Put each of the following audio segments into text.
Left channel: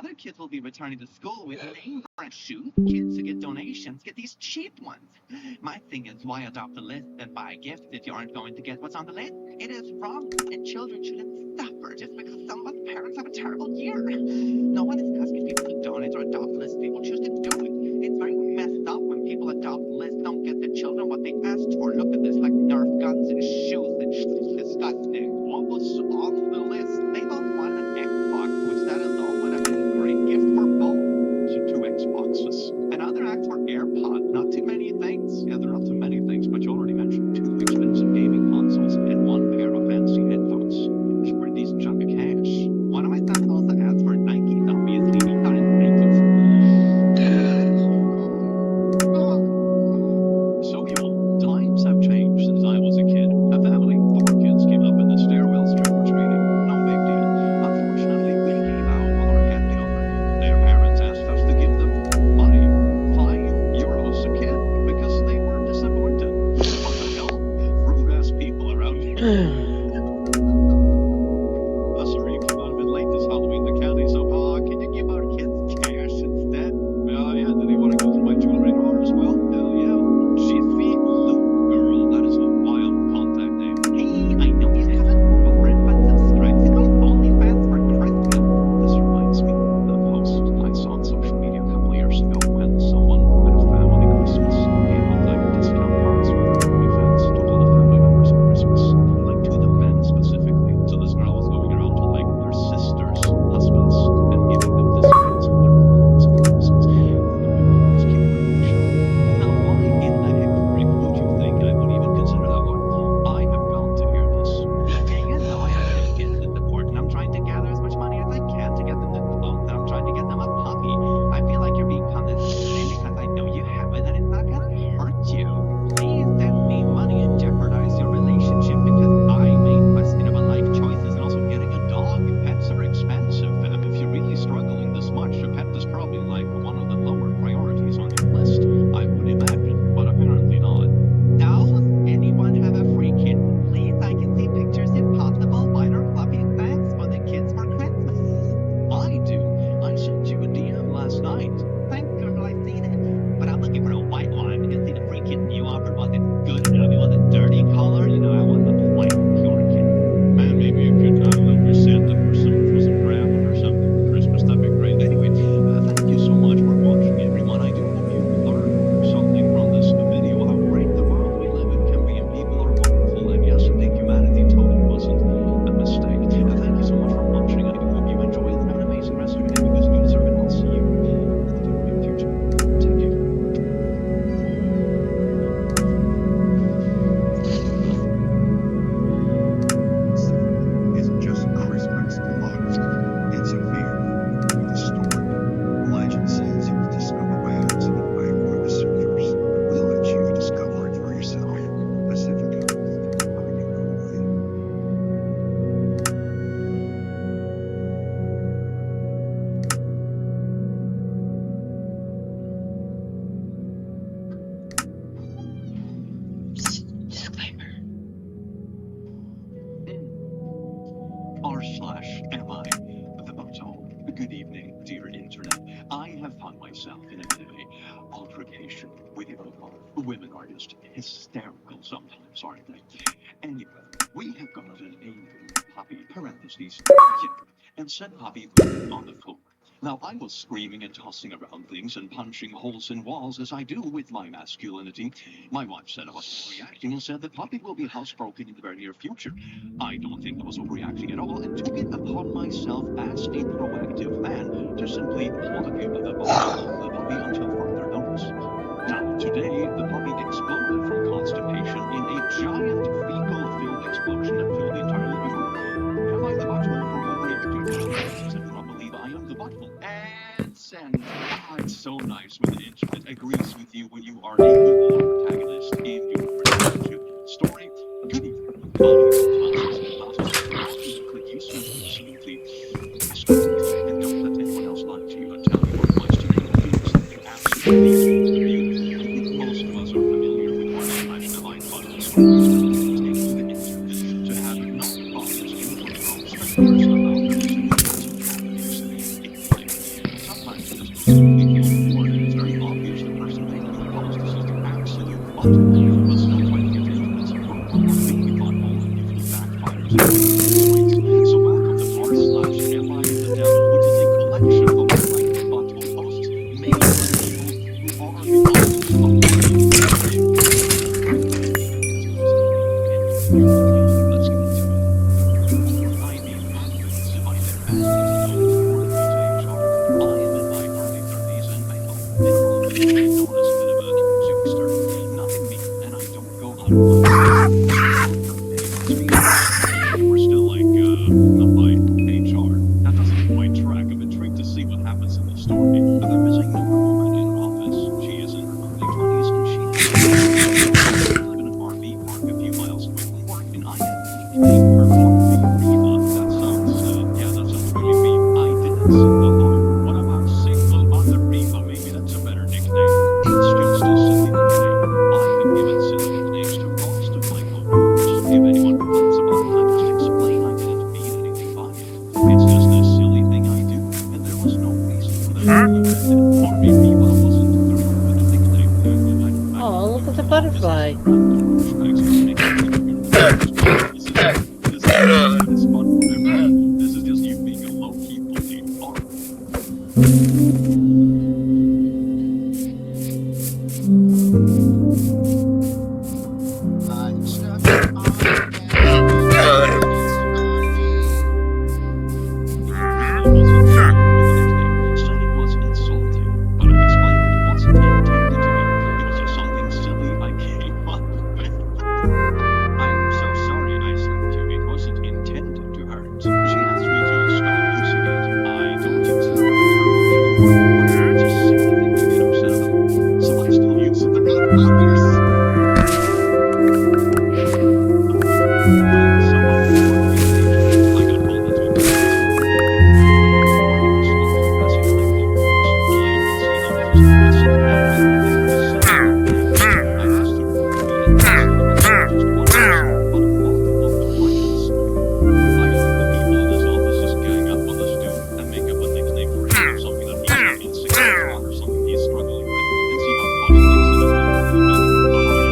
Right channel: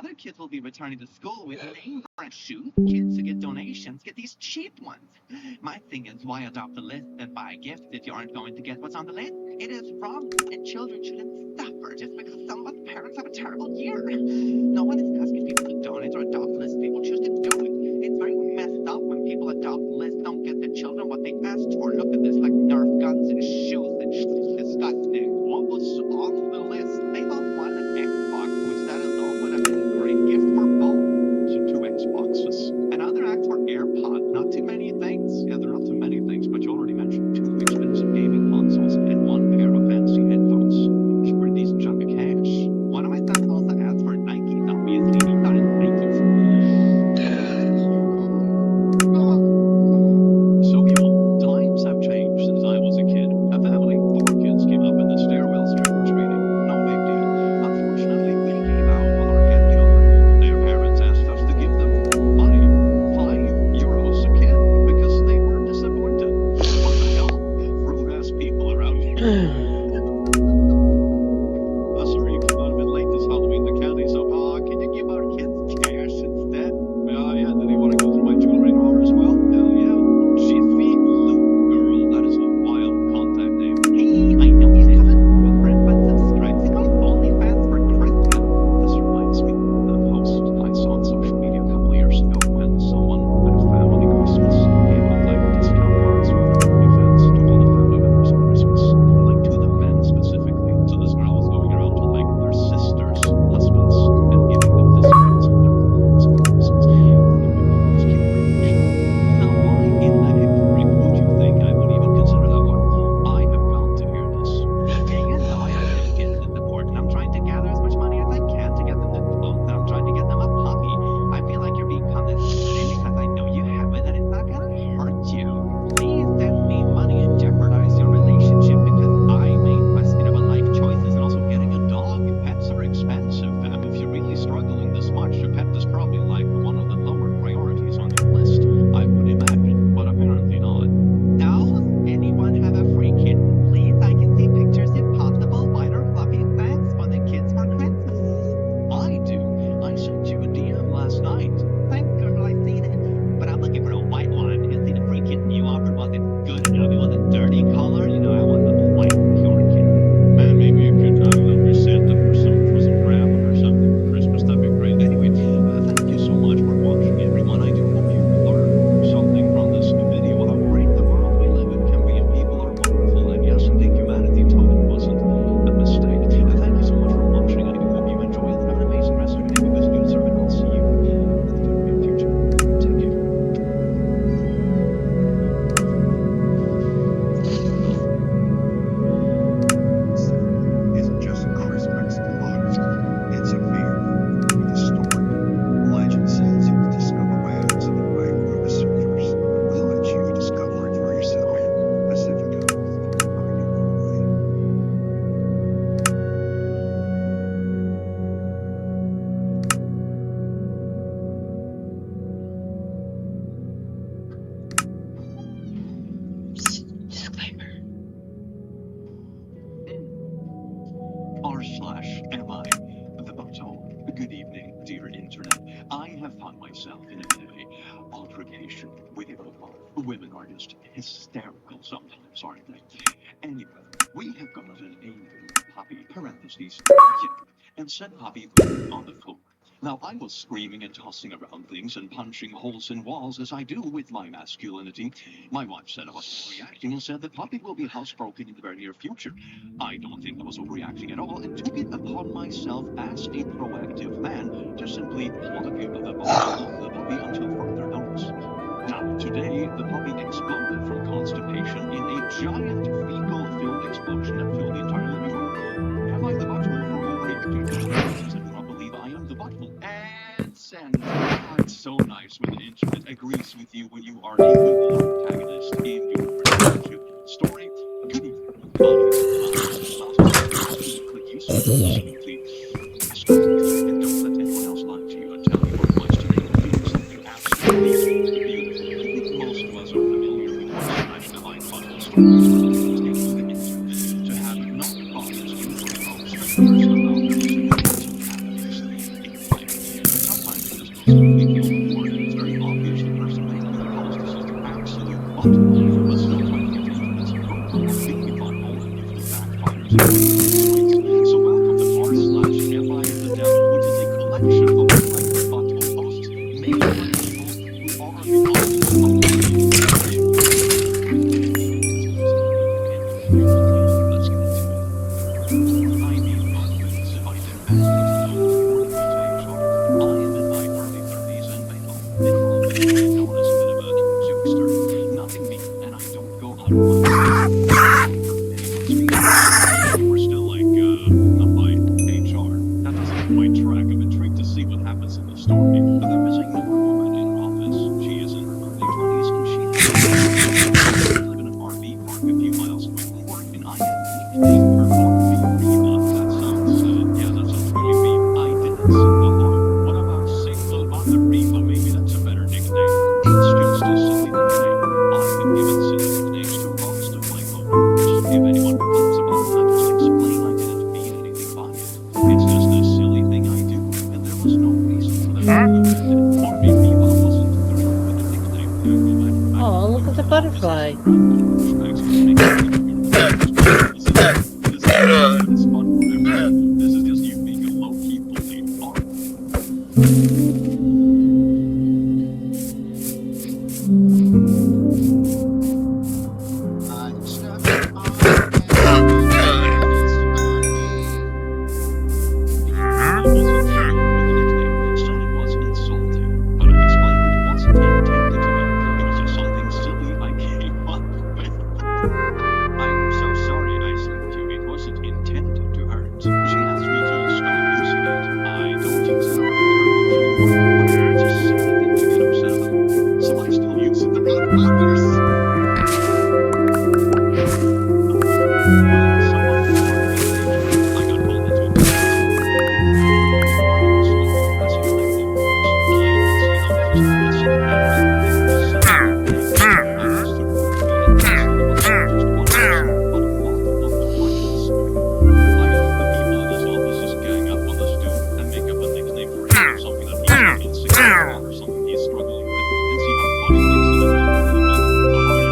Other kids will be returning to school with name brand shoes. Kids who get donations get these cheap ones. My thing is, why adopt a list and buy gifts if you aren't going to get what's on the list? It is wrong, and children shouldn't suffer just because some of us parents have a terrible year. No one is asking people to donate or adopt lists. People choose to do it. It's very messed up when people adopt lists don't get their children what they asked for. Look at this, like Nerf guns and shoes and disgusting. What was on the list? They both wanted an Xbox, which that alone would have been a great gift for both. So 2 Xboxes. Another asked for AirPods. Not too many things. Yeah, they're not too many things, but you already mentioned 2 expensive gaming consoles and 1 pair of fancy headphones. It's a pretty decent chunk of cash. One of my sons also asked for Nikes, obviously. He thought it's Nikes. So, y'all, times have changed since I was a kid. A family, 4 kids came up in the stairwells trick-or-treating. No big deal. Unfortunately, we gave out all our candy already. Their parents asked us to give them money. €5 a kid, because they were disappointed. What the hell? Rude-ass people around here. Sorry you came out a bit late this Halloween. The candy's up. Can you give our kids cash instead? Yeah, do they want to go through my jewelry drawer as well? Hell yeah. Jiffy Lube Girl. That is a wild contact name. Hey, I know you have a girlfriend, but subscribe to my OnlyFans for Christmas. This reminds me of the post I saw on social media a couple of years ago when someone at a family Christmas gave out like discount cards for their OnlyFans to all the family members on Christmas. Like to the men specifically. So this girl was going around to like their sisters' husbands and giving them discounts on their OnlyFans for Christmas. Anyway, let's keep reading, shall we? Now, why in the heck, Rick, would you think I would even consider that one? I have got to hear this. Yeah, you know I have to get the support, and I'm trying to gather as much money as I can to get them the clothes, and I'm trying to get them a puppy. I feel like you're being condescending because I know you have it, and it's not gonna hurt you. Please don't leave money and jeopardize your relationship because I made questionable life choices, and also getting a dog. Pets are expensive, fam. If you're really struggling this much, a pet is probably like one of the lower priorities on your list. I would imagine, but apparently not. Does anyone have a free kitten? Please, I can see pictures if possible. White or fluffy, thanks for the kids for Christmas. I do. I sent you a DM last night. Thanks, girl, I've seen it. But I'm looking for a white one. You can see the free kitten you offered. Was it good enough? It was a dirty color. You know, I want a white, pure kitten. Man, maybe you could, I don't know, present it for some grandma or something for Christmas. That'd be great. Anyway, thank you so much for watching, everyone. I do hope you learned something from this video. How great the world we live in can be, and people are wonderful. And yes, indeed, humanity totally wasn't a mistake. Thank you so much for watching. I do hope you enjoyed and have an amazing rest of your day because you deserve it. I'll see you in the very near future. Take care. Isn't just a crisp Mexican lager. It's a beer with a story. Legend says it was discovered by accident by a group of surfers. We'll let you discover it for yourself. Pacifica. Find your own way. Disclaimer. R/MI, the butthole. Good evening, dear internet. I have found myself in a bit of a altercation with a women are just hysterical sometimes, aren't they? Anyway, we have got a new puppy, parentheses, kitten, and said puppy on the floor. Now, I was screaming and tossing around things and punching holes in walls as I do with my masculinity. My wife said I was overreacting and said the puppy will be housebroken in the very near future. I don't think I was overreacting at all and took it upon myself as a proactive man to simply plug the bottle of the puppy until further notice. Now, today, the puppy exploded from constipation in a giant fecal-filled explosion that filled the entire living room. Have I the butthole for overreacting? I do not believe I am the butthole. And send. It's so nice when the internet agrees with you when you are a good little protagonist in your relationship story. Good evening. Absolutely disgusting. And don't let anyone else lie to you and tell you otherwise. Today we're doing something absolutely beautiful. I think most of us are familiar with R/MI butthole stories where people take to the internet to have not biased information strangers about their significant happenings in life. to see what happens in the story. But the missing newer woman in her office. She is in her early 20s and she lives in an RV park a few miles away from work. And I had nicknamed her RV Reba. That sounds really mean. I didn't sing along. What about Single Mother Reba? Maybe that's a better nickname. It's just a silly nickname. I've been given silly nicknames to most of my coworkers. If anyone complains about it, I just explain I didn't mean anything by it. It's just a silly thing I do, and there was no reason for them to be offended. RV Reba wasn't the real nickname. Oh, look at the butterfly. This is just you being a low-key bully.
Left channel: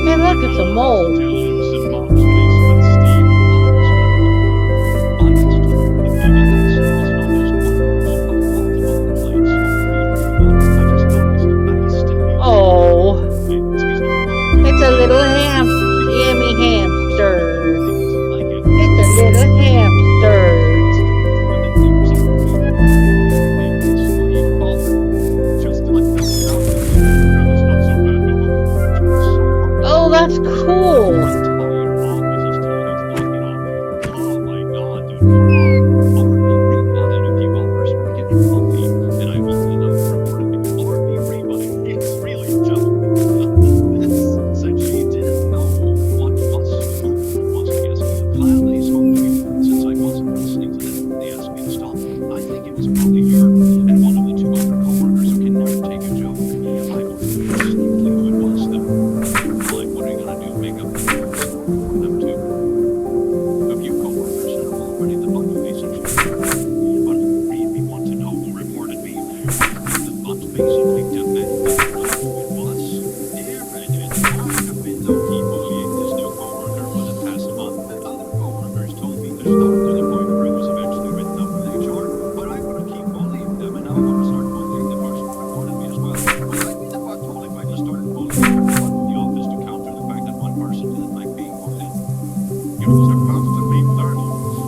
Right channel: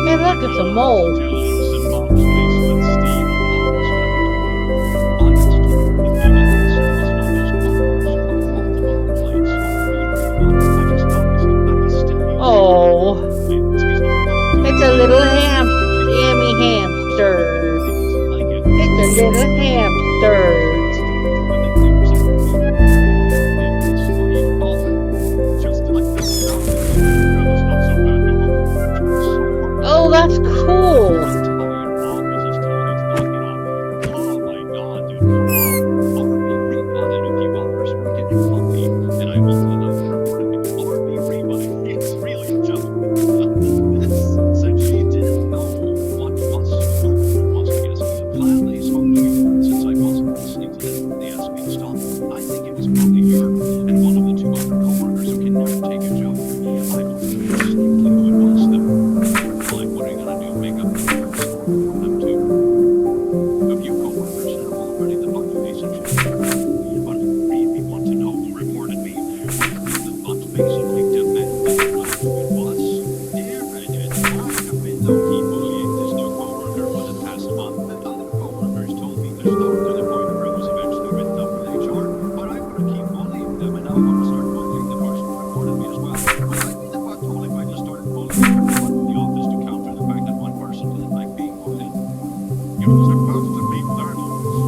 Hey, look, it's a mole. Oh, it's a little yummy hamster. It's a little hamster. Oh, that's cool. Gladly spoke to me since I wasn't listening to them. They asked me to stop. I think it was probably her and one of the two other co-workers who can never take a joke. I wanted to know distinctly who it was though. Like, what are you gonna do? Make up a story for them too? A few co-workers have already the butt face and shit. But I really want to know who reported me. The butt basically demanded to know who it was. Dear Reddit, I have been low-key bullying this new co-worker for the past month, and other co-workers told me to stop to the point where it was eventually written up with HR, but I want to keep bullying them, and now I'm going to start bullying the person who reported me as well. Would I be the butt hole if I just started bullying everyone in the office to counter the fact that one person didn't like being bullied? You're supposed to be 30,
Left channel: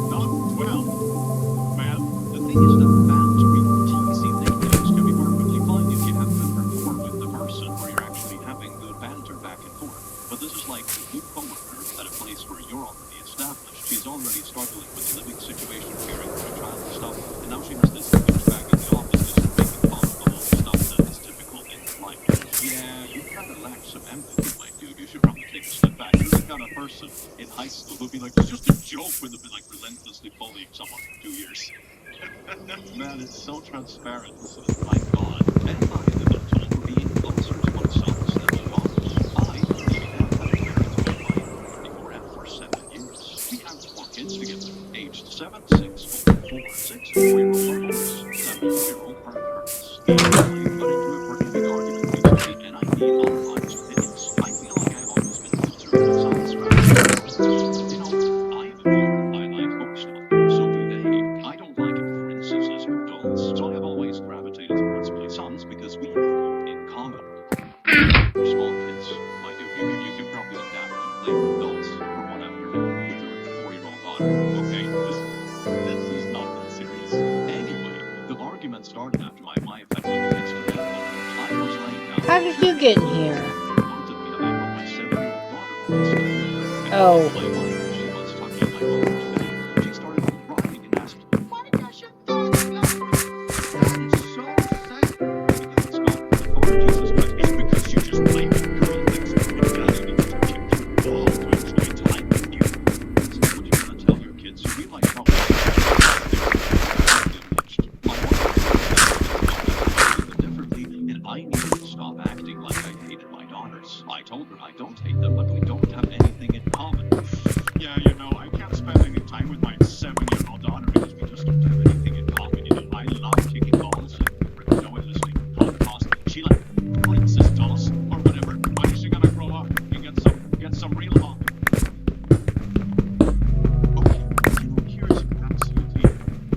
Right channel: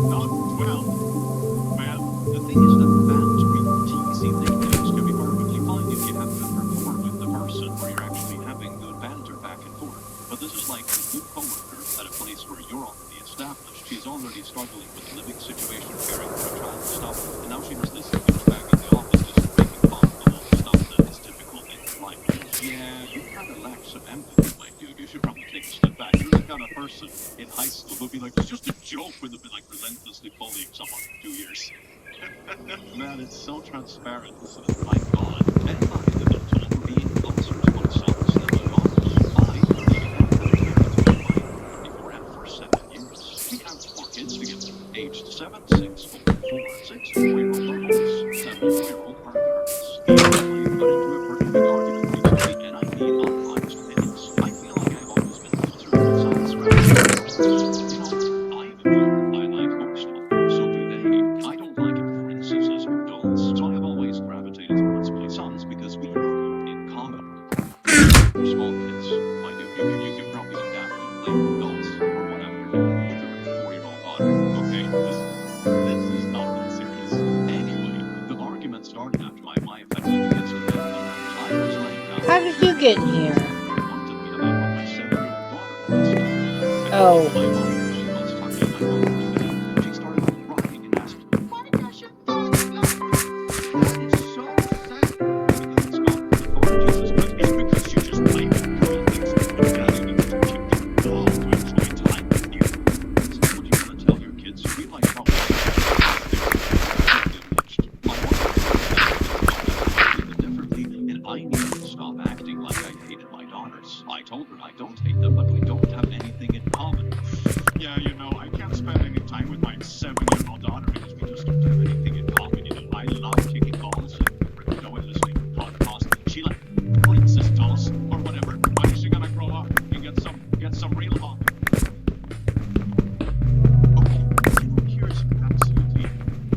not 12. Man, the thing is that bantery or teasy nicknames can be perfectly fine if you have good rapport with the person where you're actually having good banter back and forth. But this is like a new coworker at a place where you're already established. She's already struggling with the living situation, caring for a child and stuff, and now she has this douchebag in the office just making fun of all the stuff that is typical in your life. Yeah, you kind of lack some empathy, my dude. You should probably take a step back. You're the kind of person in high school who'd be like, it's just a joke when they've been like relentlessly bullying someone for 2 years. Man, it's so transparent. This is, my God. And I ended up told for being closer to myself than my boss. I even have had a parent to my wife before and for 7 years. We have 4 kids together, aged 7, 6, 4, 6, 4-year-old are boys, 7, 4-year-old are girls. I got into a pretty big argument recently, and I need unbiased opinions. I feel like I've always been filtered with someone's right. You know, I have a book. I like book stuff. So do they. I don't like it for instances or adults, so I have always gravitated towards my sons because we have more in common. Small kids, I do. You could probably adapt and play with adults from what I've learned with your 4-year-old daughter. Okay, this is not that serious. Anyway, the argument started after my wife had lived next to them. I was laying down. How did you get in here? Wanted me about what my 7-year-old daughter had just done. Oh. My wife, she was talking in my coworker's bed. She started crying and asked, "Why does your father love me?" That is daughters. I told her I don't hate them, but we don't have anything in common. Yeah, you know, I can't spend any time with my 7-year-old daughter because we just don't have anything in common. You know, I love kicking balls and listening to podcasts. She like princess dolls or whatever. When is she gonna grow up and get some real love? Okay, you know, here's absolutely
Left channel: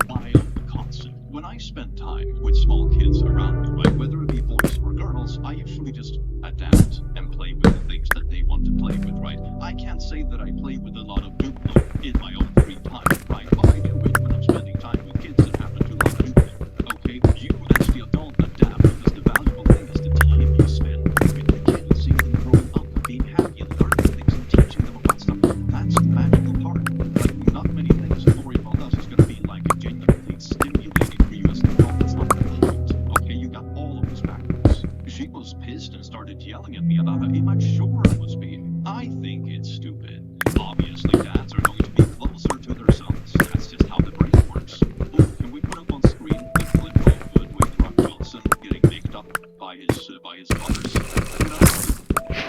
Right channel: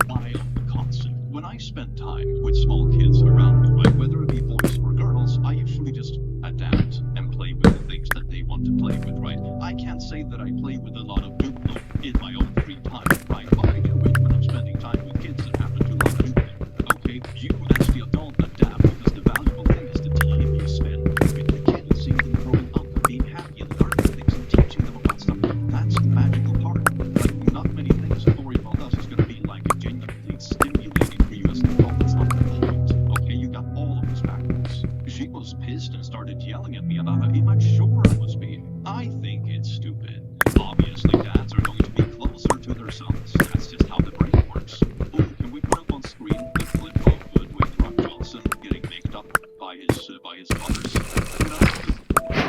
wild concept. When I spend time with small kids around me, right, whether it be boys or girls, I usually just adapt and play with the things that they want to play with, right? I can't say that I play with a lot of Duplo in my own free time, right? But I do it when I'm spending time with kids that happen to love Duplo. Okay, you as the adult adapt because the valuable thing is the time you spend with the kids, seeing them growing up and being happy and learning things and teaching them about stuff. That's the magical part. Like, not many things that Volleyball does is going to be like genuinely stimulating for you as an adult. That's not the point. Okay, you got all of this backwards. She was pissed and started yelling at me about how immature I was being. I think it's stupid. Obviously, dads are going to be closer to their sons. That's just how the brain works. Ooh, can we put up on screen the clip of Dwayne Rock Johnson getting baked up by his daughters? You know,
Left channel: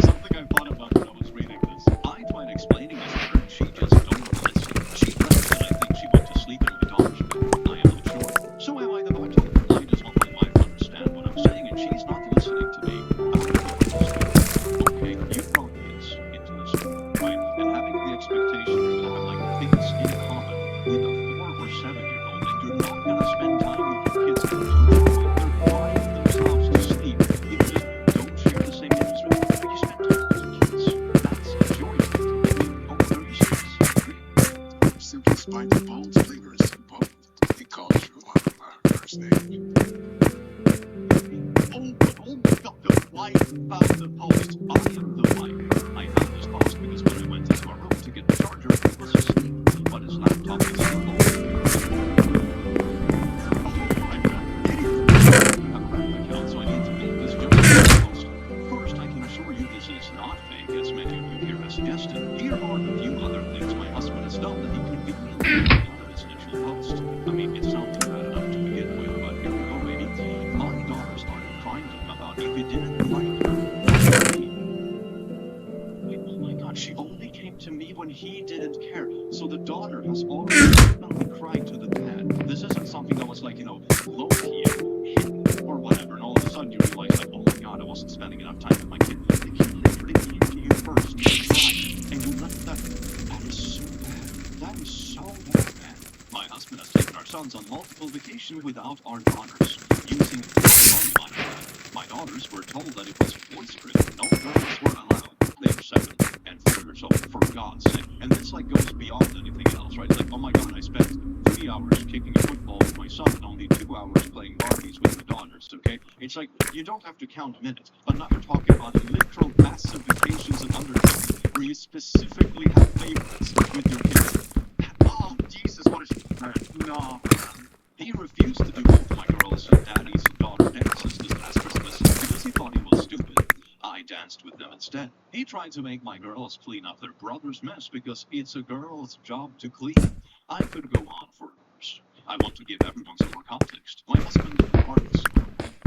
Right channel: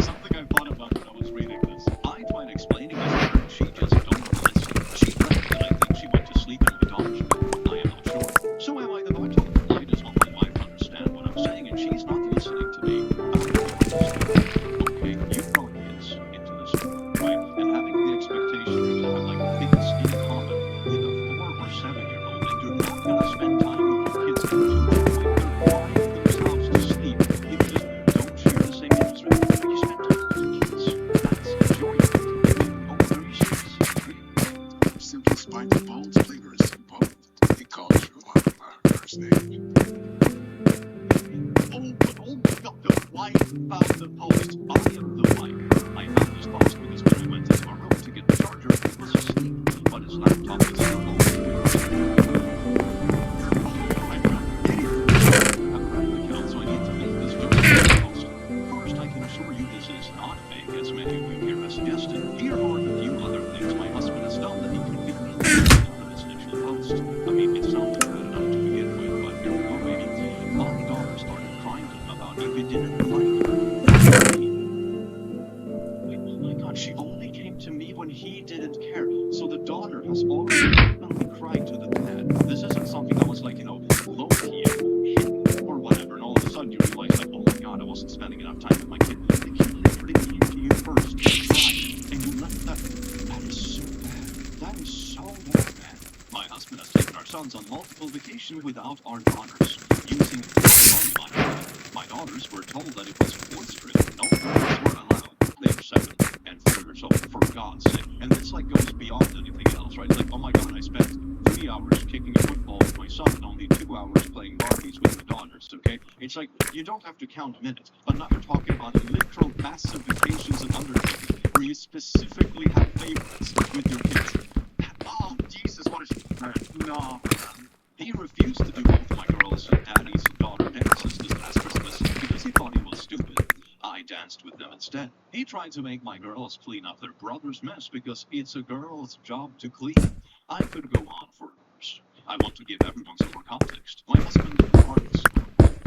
something I thought about when I was reading this. I tried explaining this to her, and she just don't listen. She left, and I think she went to sleep in my daughter's bed. I am not sure. So am I the bottom? I just want my wife to understand what I'm saying, and she's not listening to me. Okay, you brought kids into this room, right? And having the expectation you're gonna have like things in common with a 4 or 7-year-old, and you're not gonna spend time with your kids to the point they're crying themselves to sleep. You just don't share the same interests with them. You spend time with your kids. That's enjoyable. Oh, are you serious? Simply spite the bold's flavor is so bold. He calls you on my first name. Oh my God, the wife found the post. I am the wife. I found this post because when I went into our room to get the charger, he was asleep, but his laptop was still open. Oh my God, idiot! I have a Reddit account, so I need to make this joke post. First, I can assure you this is not fake, as many of you here have suggested. Here are a few other things my husband has done that he conveniently took out of his initial post. I mean, it sounded bad enough to begin with, but here we go, baby. My daughter started crying to him about if he didn't like her. Wait, oh my God, she only came to me when he didn't care. So the daughter has already openly cried to the dad. This isn't something that was like, you know, low-key, hidden, or whatever, and all of a sudden you realize, like, oh my God, I wasn't spending enough time with my kid. The kid literally came to you first, cried, and you left that. That is so bad. That is so bad, man. My husband has taken our sons on multiple vacations without our daughters, using phone money. My daughters were told that it was boisterous. No girls were allowed. They were 7 and 4 years old, for God's sake. And this like goes beyond anything else, right? Like, oh my God, I spent 3 hours kicking a football with my son and only 2 hours playing Barbies with my daughters, okay? It's like, you don't have to count minutes, but now you're talking about literal massive vacations and undertakings where you specifically have favorites with your kids. Oh, Jesus, what is... No, he refused to do both my girls and daddy's daughter dances this past Christmas because he thought he was stupid. I danced with them instead. He tried to make my girls clean up their brother's mess because it's a girl's job to clean. I could go on for hours. I want to give everyone some more context. My husband is an artist.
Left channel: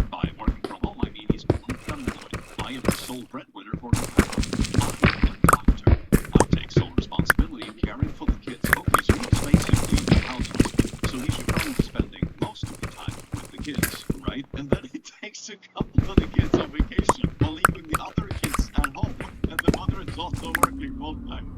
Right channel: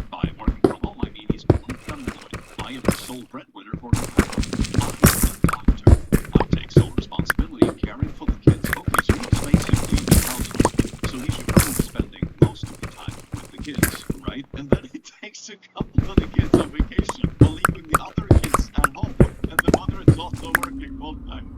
By working from home, I mean he's unemployed. I am the sole breadwinner for the family. I am a doctor. I take sole responsibility in caring for the kids. Okay, so he's basically the housewife. So he should probably be spending most of the time with the kids, right? And then he takes a couple of the kids on vacation while leaving the other kids at home. And the mother is also working full time.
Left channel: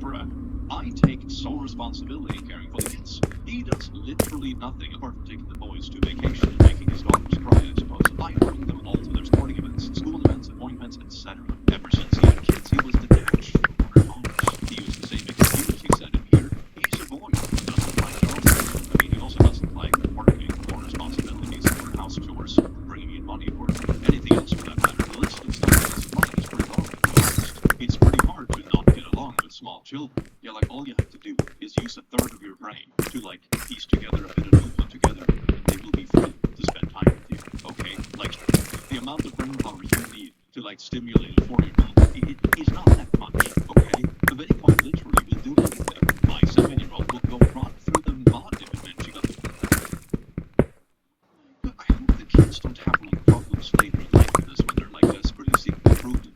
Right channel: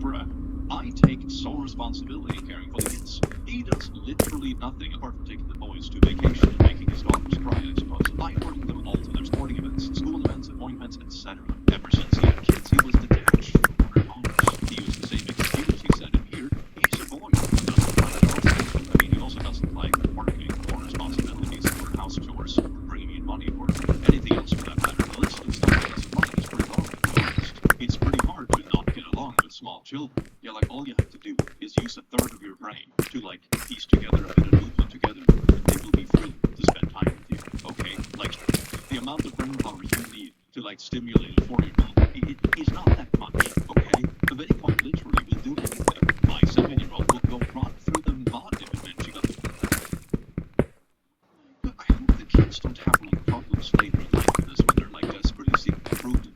Bruh. I take sole responsibility in caring for the kids. He does literally nothing apart from taking the boys to vacation and making his daughters cry, I suppose. I bring them all to their sporting events, school events, appointments, etc. Ever since he had kids, he was detached from our daughters. He used the same excuse he said in here. He's a boy who doesn't like girls. I mean, he also doesn't like working or responsibilities or house chores or bringing in money or anything else for that matter. The list of stuff he doesn't like is pretty long, to be honest. It's pretty hard to not get along with small children. Yeah, like all you have to do is use a third of your brain to like piece together a bit of movement together, and they will be free to spend time with you. Okay, like the amount of brain power you need to like stimulate a 4-year-old, it is not that much. Okay, but they quite literally will do anything. My 7-year-old will go run through the mud if it meant she got. I hope the kids don't have like problems later in life with this when they're like desperately seeking approval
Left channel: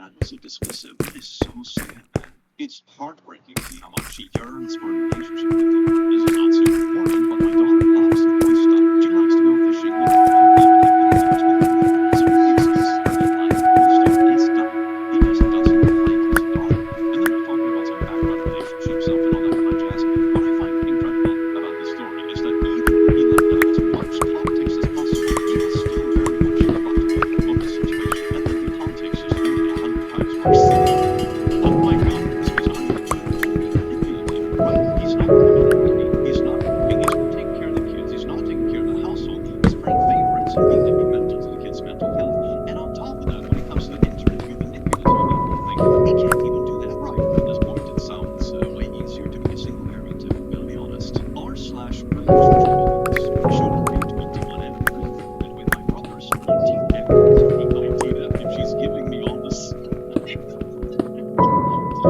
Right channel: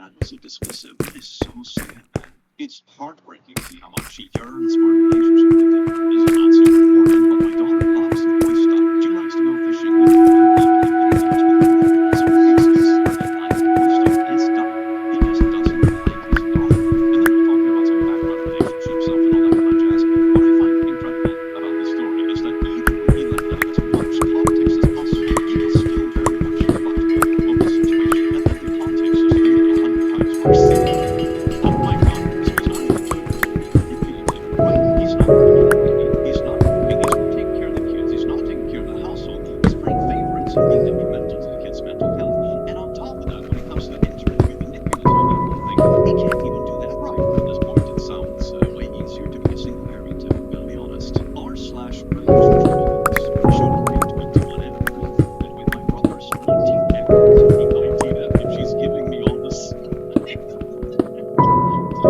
dad was so dismissive. It is so sad, man. It's heartbreaking to see how much she yearns for a relationship with him. This is not super important, but my daughter loves boy stuff. She likes to go fishing with him. So the excuse for the life boy stuff is done. He just doesn't like his daughter. And then they're talking about some background relationship stuff and all that kind of jazz. What I find incredible about this story is that even when he left out as much politics as possible, he was still very much the butt of the situation, and that the politics just made it 100 times worse. Oh my god, so he's not even good at being manipulative, right? He's not manipulative. He's not taking care of the kids. He's not taking care of the household. He's playing favorites and being detrimental to the kids' mental health. And on top of that, when it comes to the internet, being manipulative and that whole thing, he can't even do that right. At this point, it sounds way easier to be a single parent, to be honest. R/relationship shouldn't be 21F. And with my brother's 19F, 19F, if she's giving me all this. Do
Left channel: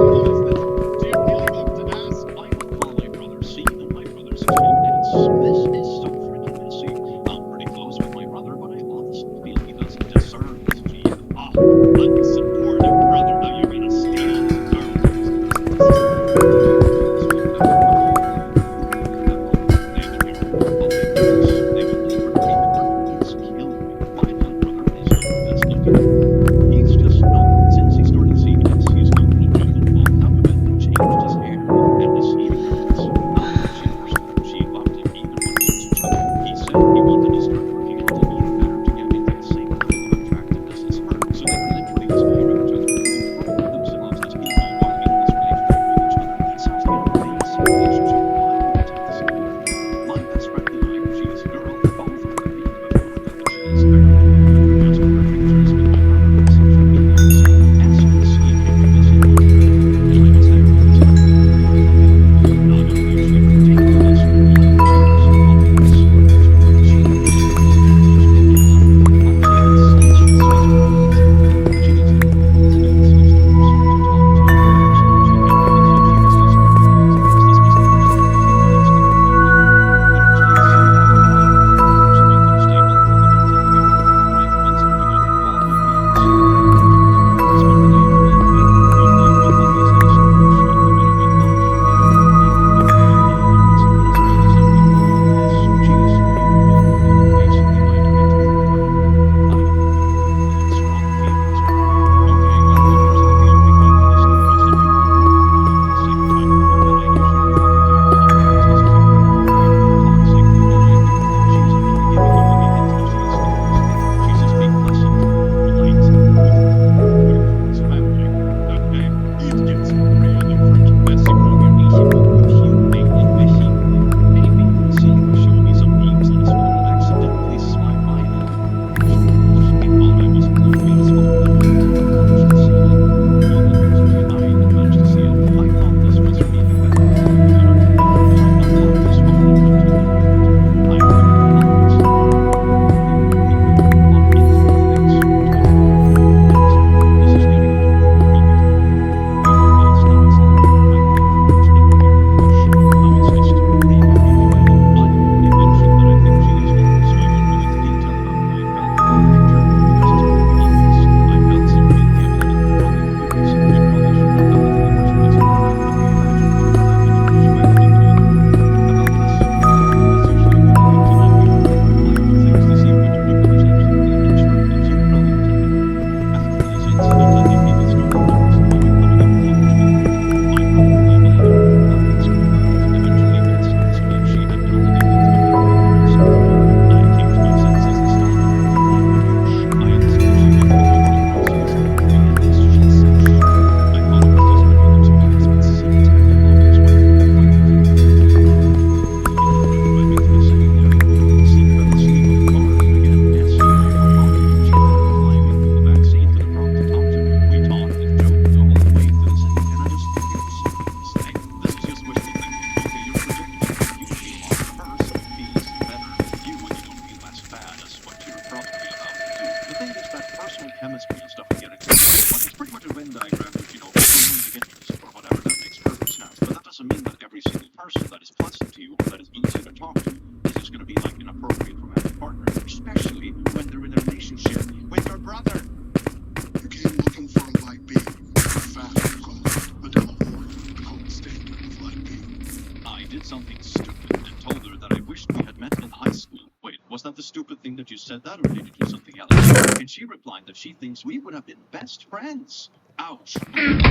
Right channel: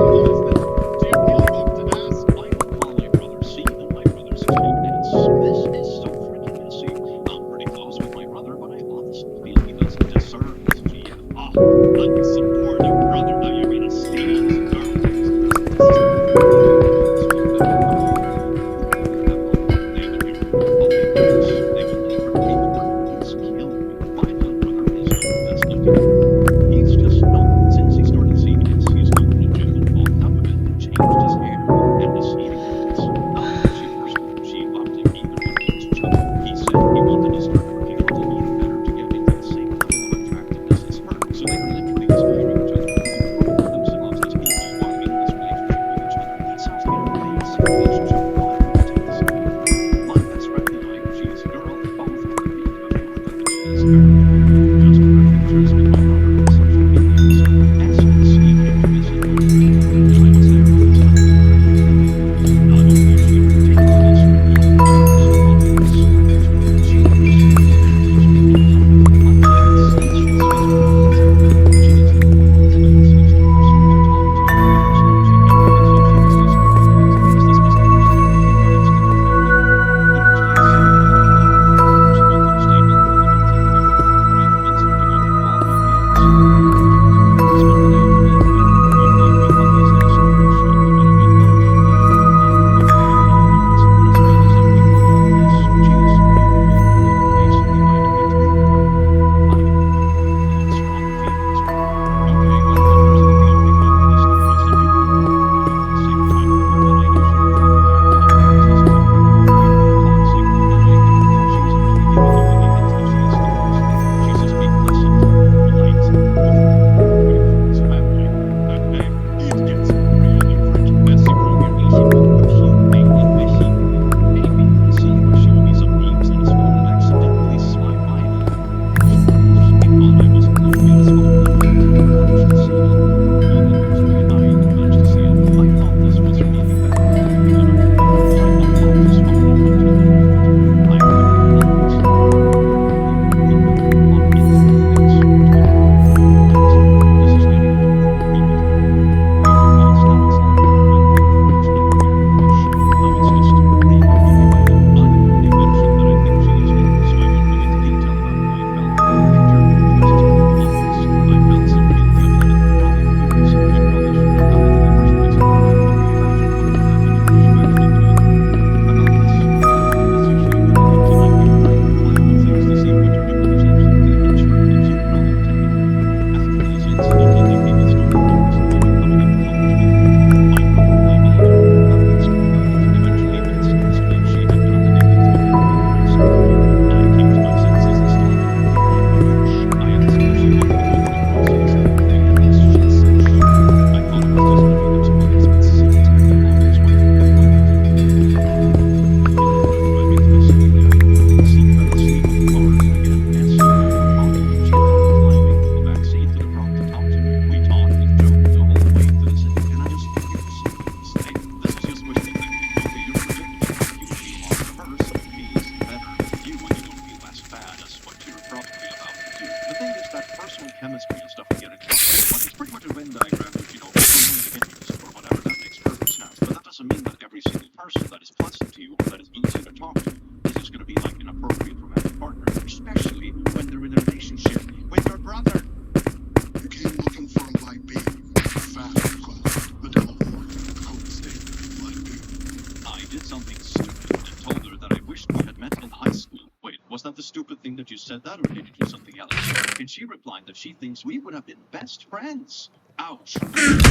you really have to ask? I will call my brother C and my brother's 2S. This is so freaking messy. I'm pretty close with my brother, but I honestly feel he doesn't deserve this GF. Ah, unsupportive brother. Now you're gonna steal his He's just not, since he started seeing this, he's gone to the gym and bulked up a bit and changed his hair and his eating habits. Not that she forced him, she loved him, either one was chubby. He said he wanted to start working out and eating better to get into the same level of attractiveness as her. So they were literally inspiring each other to improve themselves as people while in this relationship with each other. That sounds like an amazing relationship. Why would you take this away? My best friend and I, she is a girl, both are married, but we were that she is very just her pictures with my brother on social media. So as you can see, if you visit on Twitter, and I was there because I was her. Not only is she ridiculous with a lot of changes and problems, she is chemistry and stuff we get into. But it's pretty much a Venn diagram, which, you know, interests or whatever, that makes perfect sense. But that doesn't mean that every single person that is pleasant to you or that is easy to talk to is just going to be like an appropriate romantic partner, especially when they're in a relationship with your brother. You came looking for a light Was that the stupid thing that you said that, or did you do something else? And she replied that she thinks we would have been best friends. Ouch.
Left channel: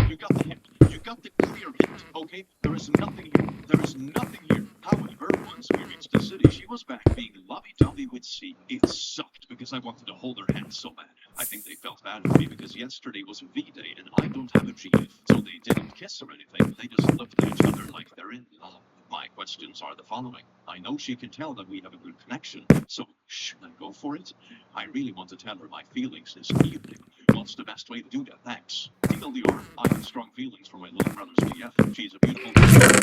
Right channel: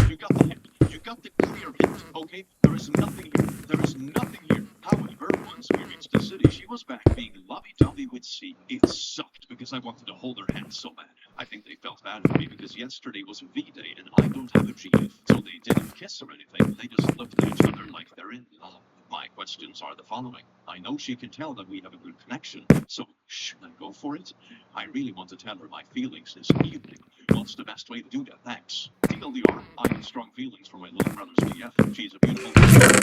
You got the hint. You got the clear hint, okay? There is nothing here. There is nothing here. However, once we reached the city, she was back being lovey-dovey with C. It sucked because I wanted to hold her hand so bad. I think they felt bad for me because yesterday was V-Day and I don't have a GF. So they didn't kiss or anything. They just looked at each other like they're in love. My questions are the following. I know she can tell that we have a good connection, so should I go for it? I really want to tell her my feelings this evening. What's the best way to do that? Thanks. TLDR, I have strong feelings for my little brother's BF. She's a beautiful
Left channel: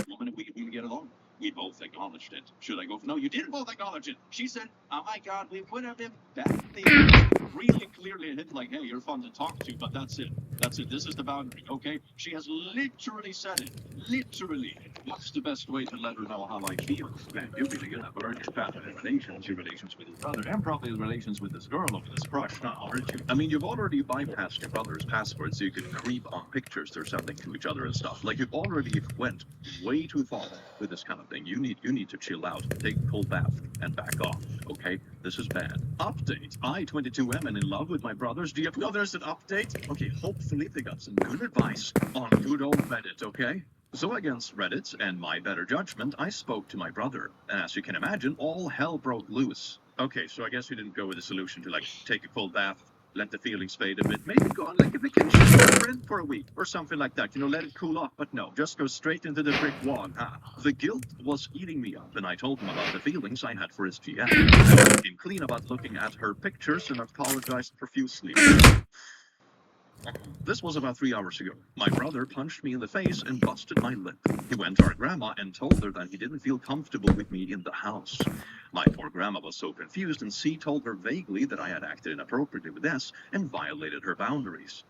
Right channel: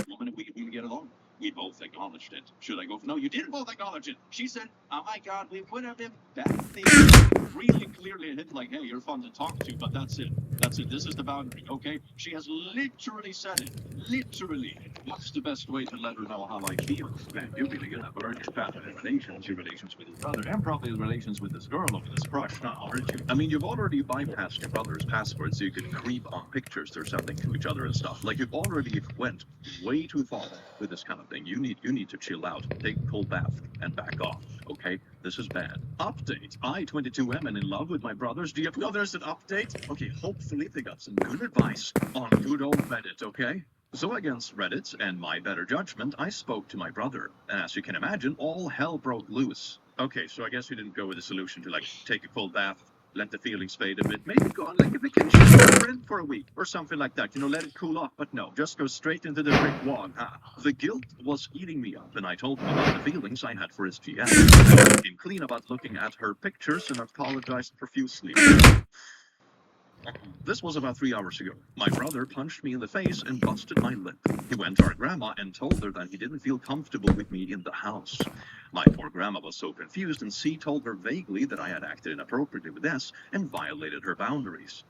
woman and we get along. We both acknowledged it. Should I go for no? You didn't both acknowledge it. She said, oh my god, we would have been bad things. Really clearly hit like, hey, you're fun to talk to, but that's it. That's it. This is the boundary, okay? She has literally said it. Literally. What's the best way to let her know how I feel? Man, you're really gonna burn your family relations, your relations with his brother, and probably the relations with this girl over this crush now, aren't you? I mean, you've already bypassed your brother's password so you could creep on pictures or something to each other and stuff. Like, you've already went way too far with this kind of thing. You need to chill out, take a cold bath, and back off, okay? This is bad. Update. I, 22M, and in love with my brothers. Do you know there's an update? Okay, hopefully they got some good advice on good old Reddit, okay? So against Reddit and my better judgment, I spoke to my brother. And as you can imagine, all hell broke loose. Okay, so I guess we didn't go with the solution to, like, take a cold bath, let the feelings fade a bit, maybe go on like a vacation with a friend for a week or something like that, you know, let it cool off. But no, just go straight into the brick wall. The guilt was eating me up, and I told him about the feelings I had for his GF. I became clean about looking at her pictures and apologized profusely. This was about 3 hours ago. My brother punched me in the face and busted my lip. He went to our grandma and told her that he didn't feel comfortable with me in the house. My poor grandma was so confused, and C told her vaguely that I had acted inappropriately with S and violated her boundaries.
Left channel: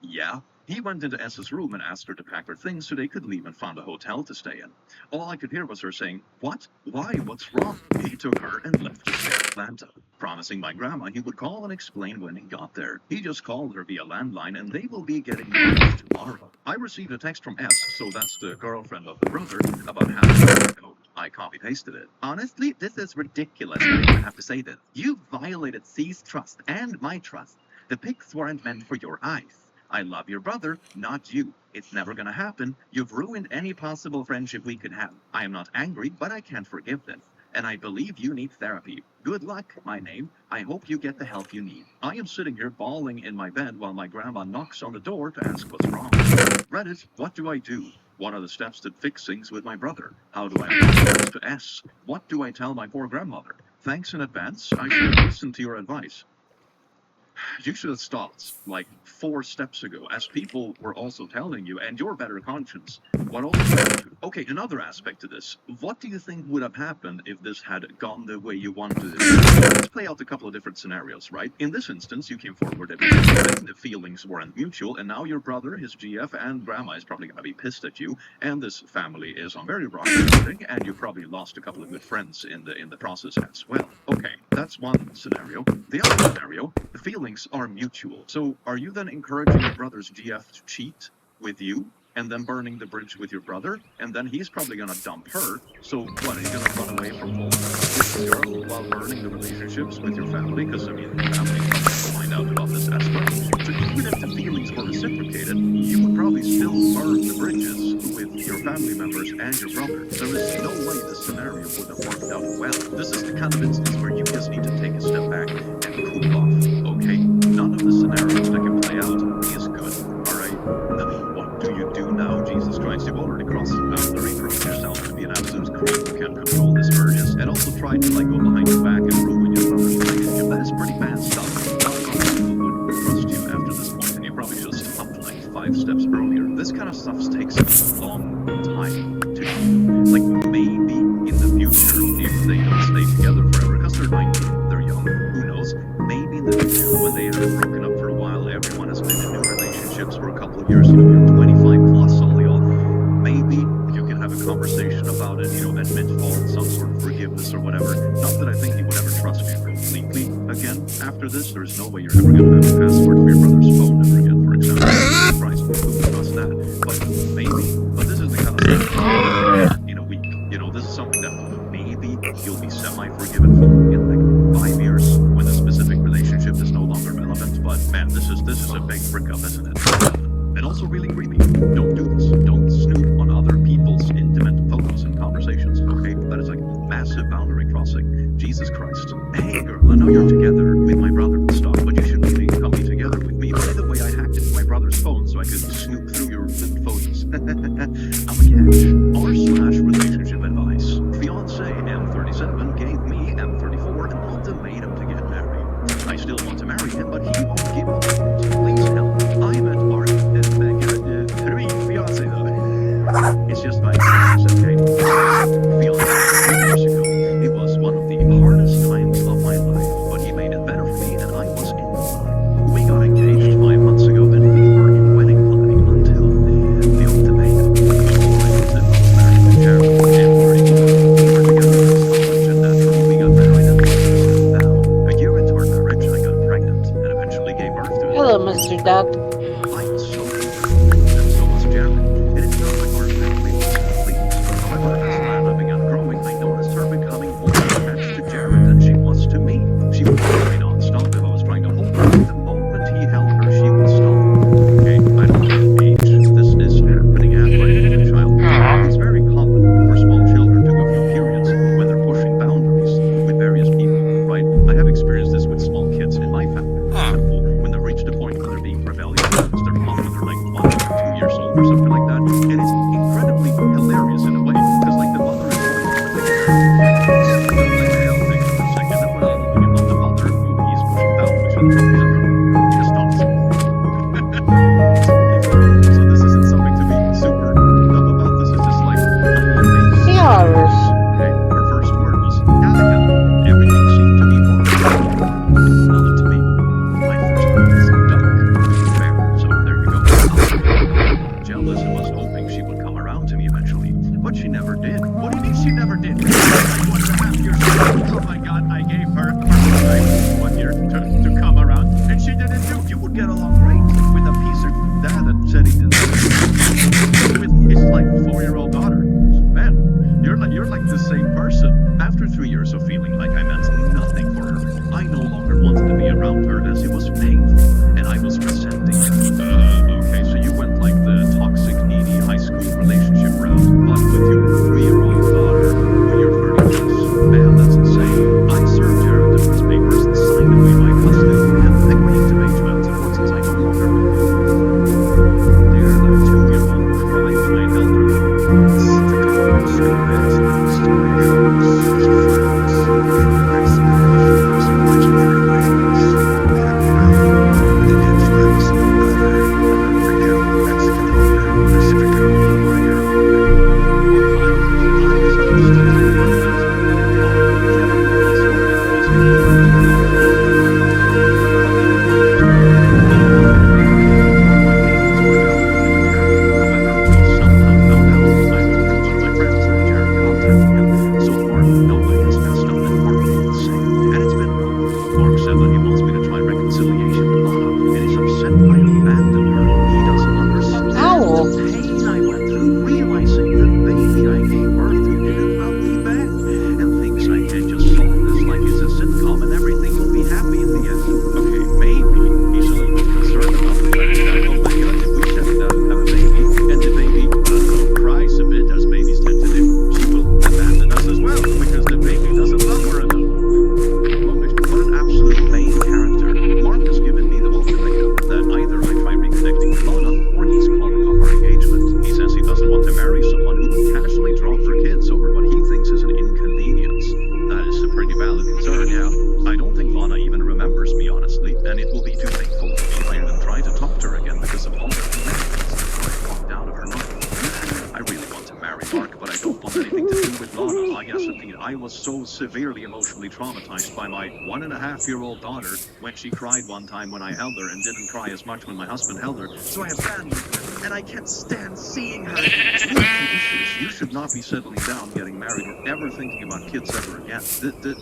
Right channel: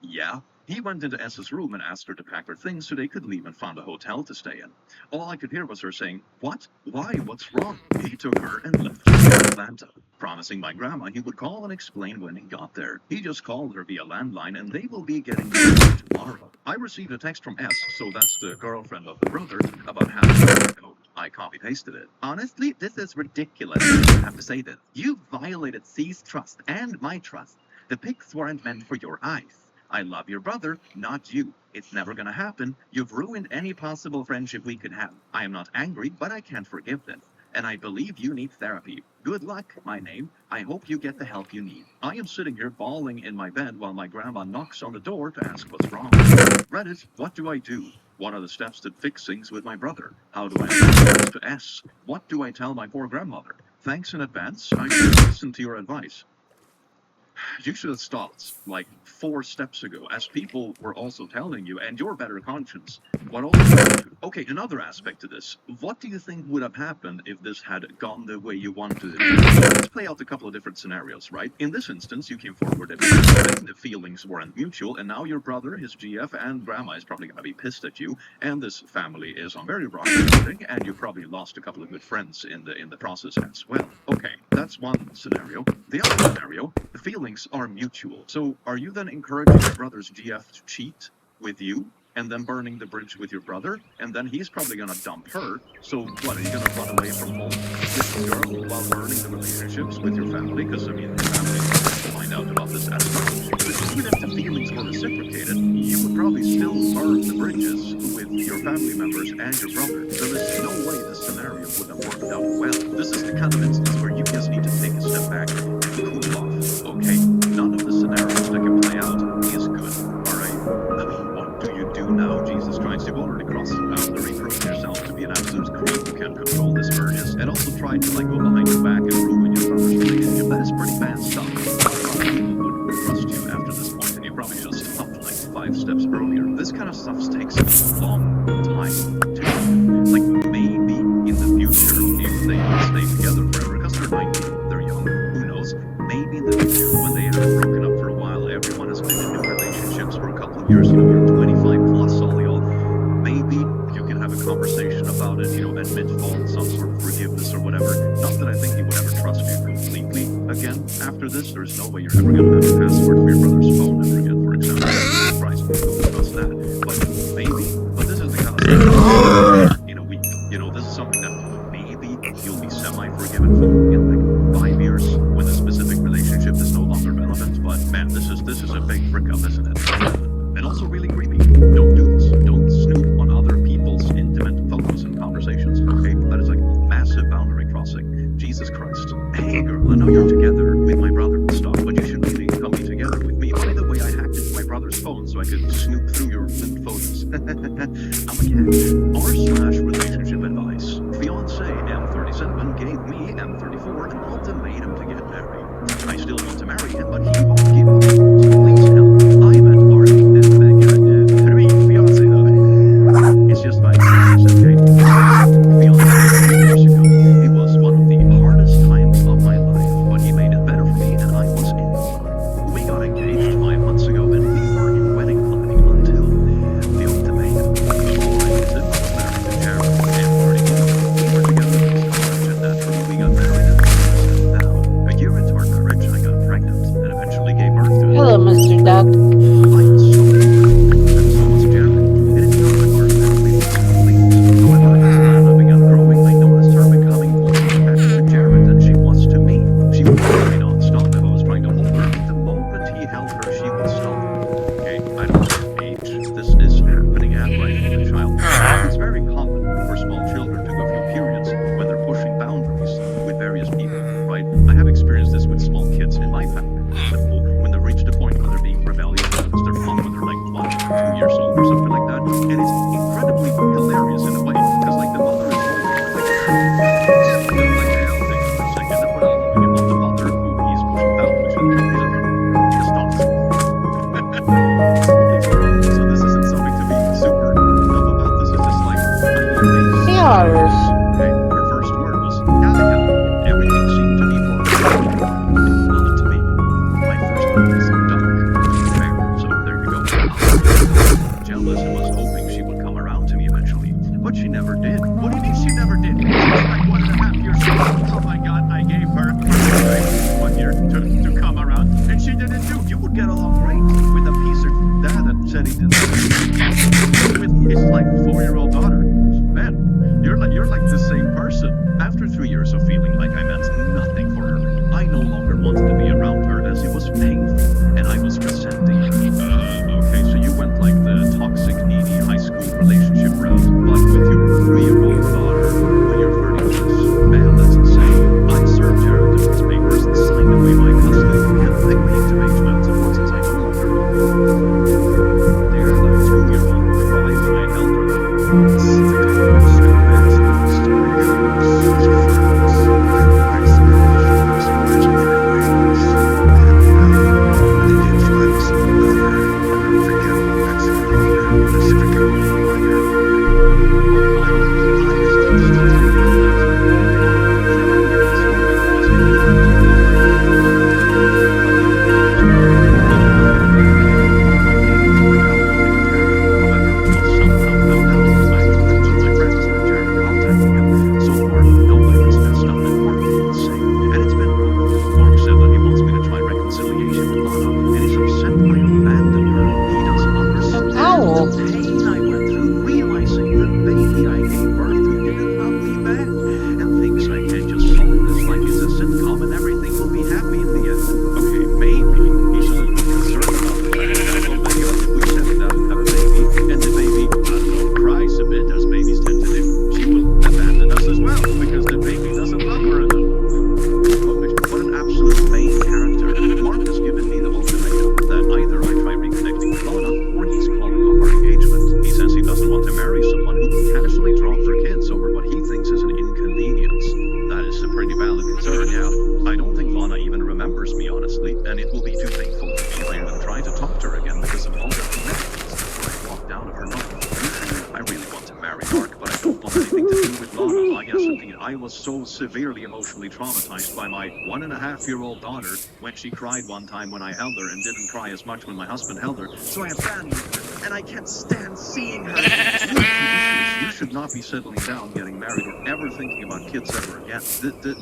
Yeah. He went into S's room and asked her to pack her things so they could leave and found a hotel to stay in. All I could hear was her saying, "What? Why? What's wrong?" He took her and left to Atlanta, promising my grandma he would call and explain when he got there. He just called her via landline and they will be getting married tomorrow. I received a text from S, so that's the girlfriend of the brother, about half an hour ago. I copy-pasted it. Honestly, this is ridiculous that I even have to say this. You violated C's trust and my trust. The pics weren't meant for your eyes. I love your brother, not you. It's never gonna happen. You've ruined any possible friendship we could have. I am not angry, but I can't forgive this. And I believe you need therapy. Good luck, my name. I hope you get the help you need. I am sitting here bawling in my bed while my grandma knocks on the door to ask what's wrong. Reddit, what do I do? What are the steps to fix things with my brother? How do I apologize to S? What do I tell my poor grandmother? Thanks in advance. I should have listened to your advice. You should have stopped, like, 4 steps ago, as people were also telling you, and your better conscience, what all Okay, another aspect to this. What do you think would have happened if this had gone the way you wanted it to? Let's play out a couple of different scenarios, right? In this instance, you came forward that the feelings weren't mutual, and now your brother, his GF, and grandma is probably going to be pissed at you, and this family is on very rocky footing, and you probably lost a couple of good friends in the process as well. Okay, that's one scenario. The other scenario, the feelings are mutual. So are you then encouraging your brother's GF to cheat with you and then burning the bridge with your brother? And then he's probably going to dump her. So what, are you going to run away from home with this girl while burning the relationships with your family? Because, I mean, your family is probably going to find out about this as well. But even if the feelings were reciprocated, you would probably still burn the bridges with your family members and your brother. There is no way this scenario would have worked out well. This is the kind of instance where you just need to take a step back and cool off, okay? None of the scenarios that can play out is good, alright? I mean, what do you do now, Jesus Christ? You've already crossed the boundary, proven yourself to be an absolute creep who can't control his urges, and also tried to, like, go behind your back and ruin your brother's relationship. That is pretty bad stuff. Not a lot of people would trust you after this point, and you probably should have stopped, like, 5 steps earlier. This kind of stuff takes a long time to do. Like, maybe in the future, if they don't stay together forever, because they're 19, they're young, who knows? Maybe in the future, when they haven't broken up for a while, everyone has been in new relationships for a couple of years, you know, you're 25 plus, all y'all. maybe you can have a conversation about it, admit fault, some sort of forgiveness or whatever. Not that I think he would ever trust you completely again after this. There's no way you're ever going to have a password for your brother's phone ever again, for example. Christ, who would trust that? But maybe, but this is the kind of thing that you prepare in a week. This is something that maybe you'll be semi-forgiven for in like 5 years when the specific relationship is no longer relevant. But man, this is a big frick up, isn't it? And also really creepy. Don't do this. Don't snoop on other people's intimate photos and conversations, okay? That is like massive boundary crossing. Jesus Christ. Hey girl, I know you're together with my brother and stuff, but you should really come be together with me. By the way, I hacked into my brother's phone so I could snoop through your linked photos. I'm a catch. R/relationship advice. Fiance M37 gave me M34 an ultimatum to get married. I still want to marry him, but he won't give up. So please help. I met R. Three fiance though. It's just like, okay. Fiance 3 years ago. It was one of the hardest times of my life, but he made it better for me, and I was in love. We got engaged 5 months ago, and we were in wedding planning until the ultimatum. Before I was married to Jared. M34. We were together since college, and naturally we got married and settled down. A year into our marriage, I got pregnant and eventually gave birth to Hello, Mr. Duck. I was so confident, and so was Jared. It is not like our family was pleased. However, as Lana began growing, I noticed her becoming more attached to Jared than she was to me. She would probably not stop if I was trying to hold her. The moment he held her, she would stop. Okay, I don't know what age this is happening at right with a child. It's very common for small children to go through periods when they're pushing boundaries with various people, right? I have experienced this with small kids in my family. When they've reached a point where they're being rebellious against their mom when they're like 1 or 2 years old or something like that. And it's incredibly hilarious in a way, because like the mother is holding him, just like the hell thing for a second. And when I'm holding him on the mother, who he's pushing boundaries with, he just stops. It's really funny. So this isn't something to be super tough about. This is just like tiny race. Yours. Okay, her first word was Danica, and everything seemed to be for her. Not to me. My first word is duck, to be fair. So there you go. I was really a little jealous and was hoping she would come around to me eventually, but she never did. What do you mean she never did? Like 1.5 years ago. Oh my God, I gave her 1 year to come around, and she didn't do. You would get along great with a piece of dad that said he didn't. With his like 4-year-old daughter. Man. You're like the same person. After 3 years of feeling like I meant nothing for her, I no longer wanted to be around her as it was painful, and I was resenting her. Okay, so you went like the toxic, needy high school relationship route, but with your 3-year-old daughter when you're 30 plus. Man, that's insane. I served Jared divorce papers and signed away my custody and agreeing to pay child support since I no longer wanted her. Dare that 2-year-old cry when I held her though. Sit down, scumbags. The story goes, as friends from Mexico, first legendary wings. They had around them, but they did find us no better than unforgettable Mexican Pacifico on your own. One time, I decided to start over and that's when it went on. He never knew the whole story because he knew I was but he knew he knew nothing about the kid who thought my paintings were alimony to Jared. However, he somehow found out either through one of my friends or Jared contacting him. So far, nobody has messed up and Mark will say. And it's been rough. Mark said that he wants me to try reconciliation with Lana and is upset I abandoned her. He doesn't understand the pain I went through realizing the baby I gave birth to didn't love me back and thinks I can just solve this like it's a sitcom and everything will be happy in the end. Okay, maybe he's a little bit concerned about the fact that, oh my God, if we settle down and have a baby and the baby, I don't know, cries a bit as babies tend to do, she will abandon us as well because the baby doesn't love her enough. What an absolute main character. Mark has given me the ultimatum that either I try reconnecting with Lana or he's calling off our engagement. He says he doesn't want to marry someone who will casually drop her kids over what he thinks is an inconvenience. That is a pretty valid concern, yeah. I don't think Lana even remembers me, honestly, and it will be too painful for me if I even try to talk to her again because of all the connections before I walked out of her life. I really want to marry Mark, but I don't want anything to do with Lana. Ah, yes, indeed. I was so severely emotionally traumatized by my 1.5-year-old daughter when she cried one time when I held her and didn't cry as much when my husband held her. So I abandoned her, and I can't stand seeing her. You should not be settling down, getting married, or ever thinking about kids ever again.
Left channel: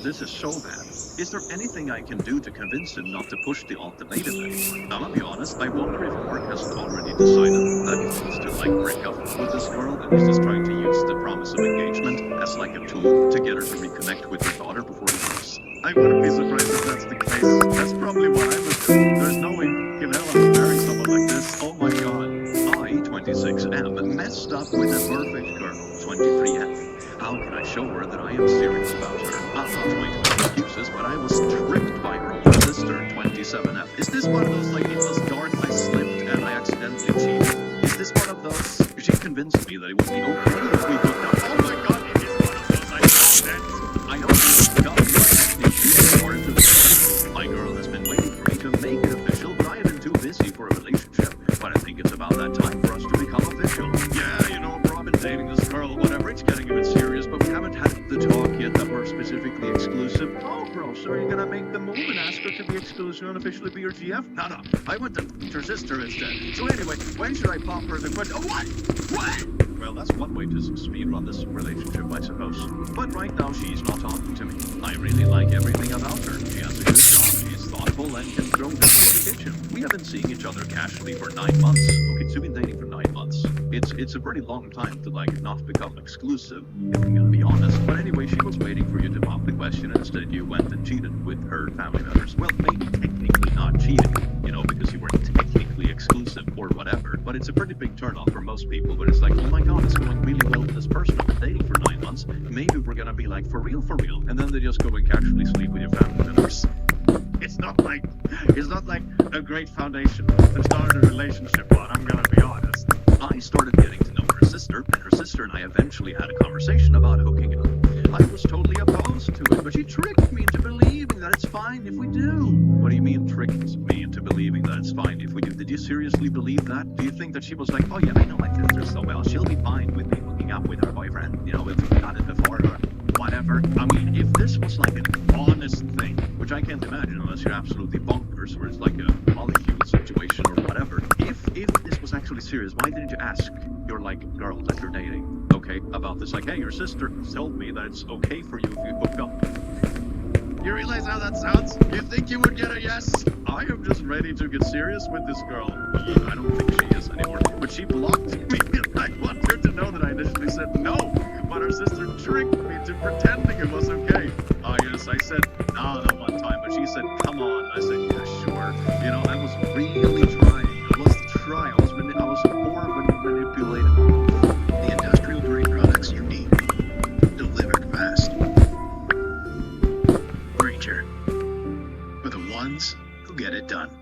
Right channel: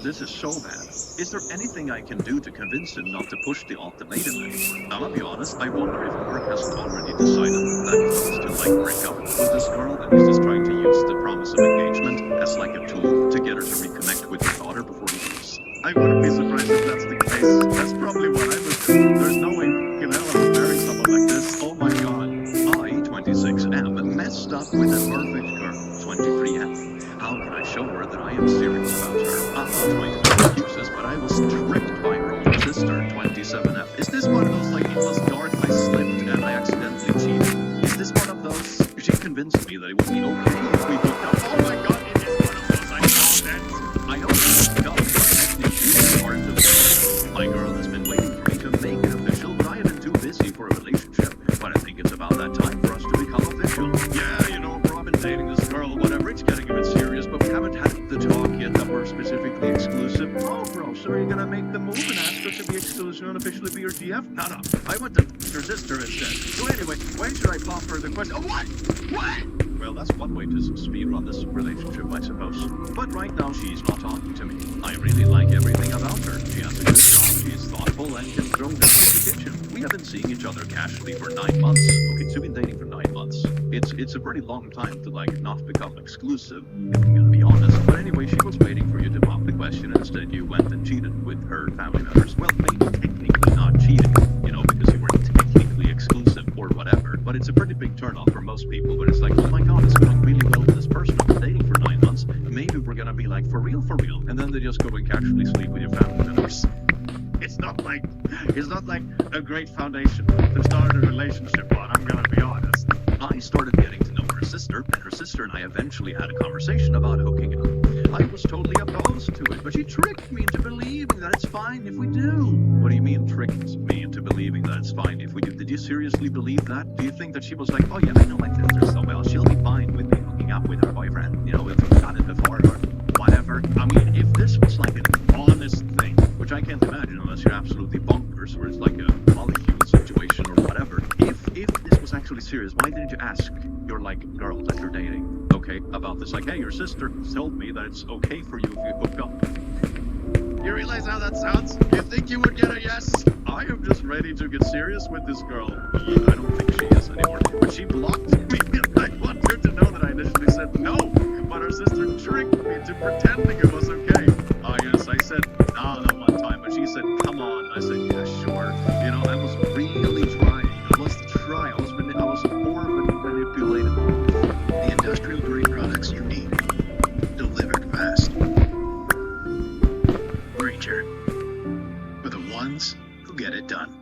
This is so bad. Is there anything I can do to convince him not to push the ultimatum anymore? I'll be honest, I wonder if Mark hasn't already decided that he wants to, like, break up with this girl, and he's just trying to use the promise of engagement as, like, a tool to get her to reconnect with his daughter before he leaves. I wouldn't be surprised if that's the case. That's probably what I would do. There's no way in hell I would marry someone like this. Oh my god. I, 26M, messed up with a perfect girl, 23F. How can I show her that I am serious about her? I'm not trying to make excuses, but I was tricked by her older sister, 27F. Is this one of those, like, it was dark, I slipped, and I accidentally cheated? Is this one of those? She convinced me that it would be okay if we hooked up. Oh my god, it is one of those. I know that. I know it's dumb, but technically it's part of the My girl has been waiting for me to make it official, but I have been too busy for a relationship. But I think it's about that time for us to become official. Yeah, you know, bro, I've been dating this girl, whatever, it's getting a bit serious, but we haven't had the talk yet that we're specifically exclusive. Oh, bro, so are you gonna make the move and ask her to be exclusive and officially be your GF? No, I went to her sister instead. So anyway, when should I pop her the question? Oh, what? What? Well, that's one way to speedrun this relationship, I suppose. But right now, she's not talking to me. I really like everything about her. She has a good job, she's thoughtful, and can throw down in the kitchen. We have been seeing each other casually for 9 months. Okay, so we've been dating for 9 months. It's a pretty long time to, like, not become exclusive, if I'm gonna be honest. But anyway, she was waiting for you to pop the question, and instead you went and cheated with her family members. Well, maybe technically not cheating, you know, because you weren't technically exclusive or whatever. But it's a pretty big turn off for most people, but it's like, oh my god, it's going really well with this person I've been dating for 9 months. Maybe we're gonna be like, for real, and then they just go and casually sleep with your family members. It's not like a great foundation to start a relationship on, I'm gonna be honest. I started getting to know her sister, and her sister and I eventually had a conversation about hooking up. I was totally opposed to it, but she tricked me into believing that it's fine if we do. What do you mean tricked me into believing that it's fine if we do? Did you seriously believe that? Do you think that she was like, oh yeah, I know my sister so well, she'll be fine with me hooking up with her boyfriend, you know, if we've done it before or whatever? I mean, if this was like an honest thing, which I can't imagine unless you're absolutely bonkers or it's like a molecule situation or whatever. If this was actually serious, why didn't you ask your, like, girl that you're dating, okay, about this? Like, hey, your sister told me that it's okay for you if you hook up. You realize how that sounds? You think you would get a yes? I am just ready to get serious with this girl. I don't think she is anymore, but she blocked me, and I want her to know that I initially said no, but her sister tricked me to pretending it was okay. Yes, I said no one time, but she said, come on. I said, yeah, sure. You know, I was really trying. I was horribly manipulated. The industrial grade products you need, delivered fast. Granger, for the ones who get it done.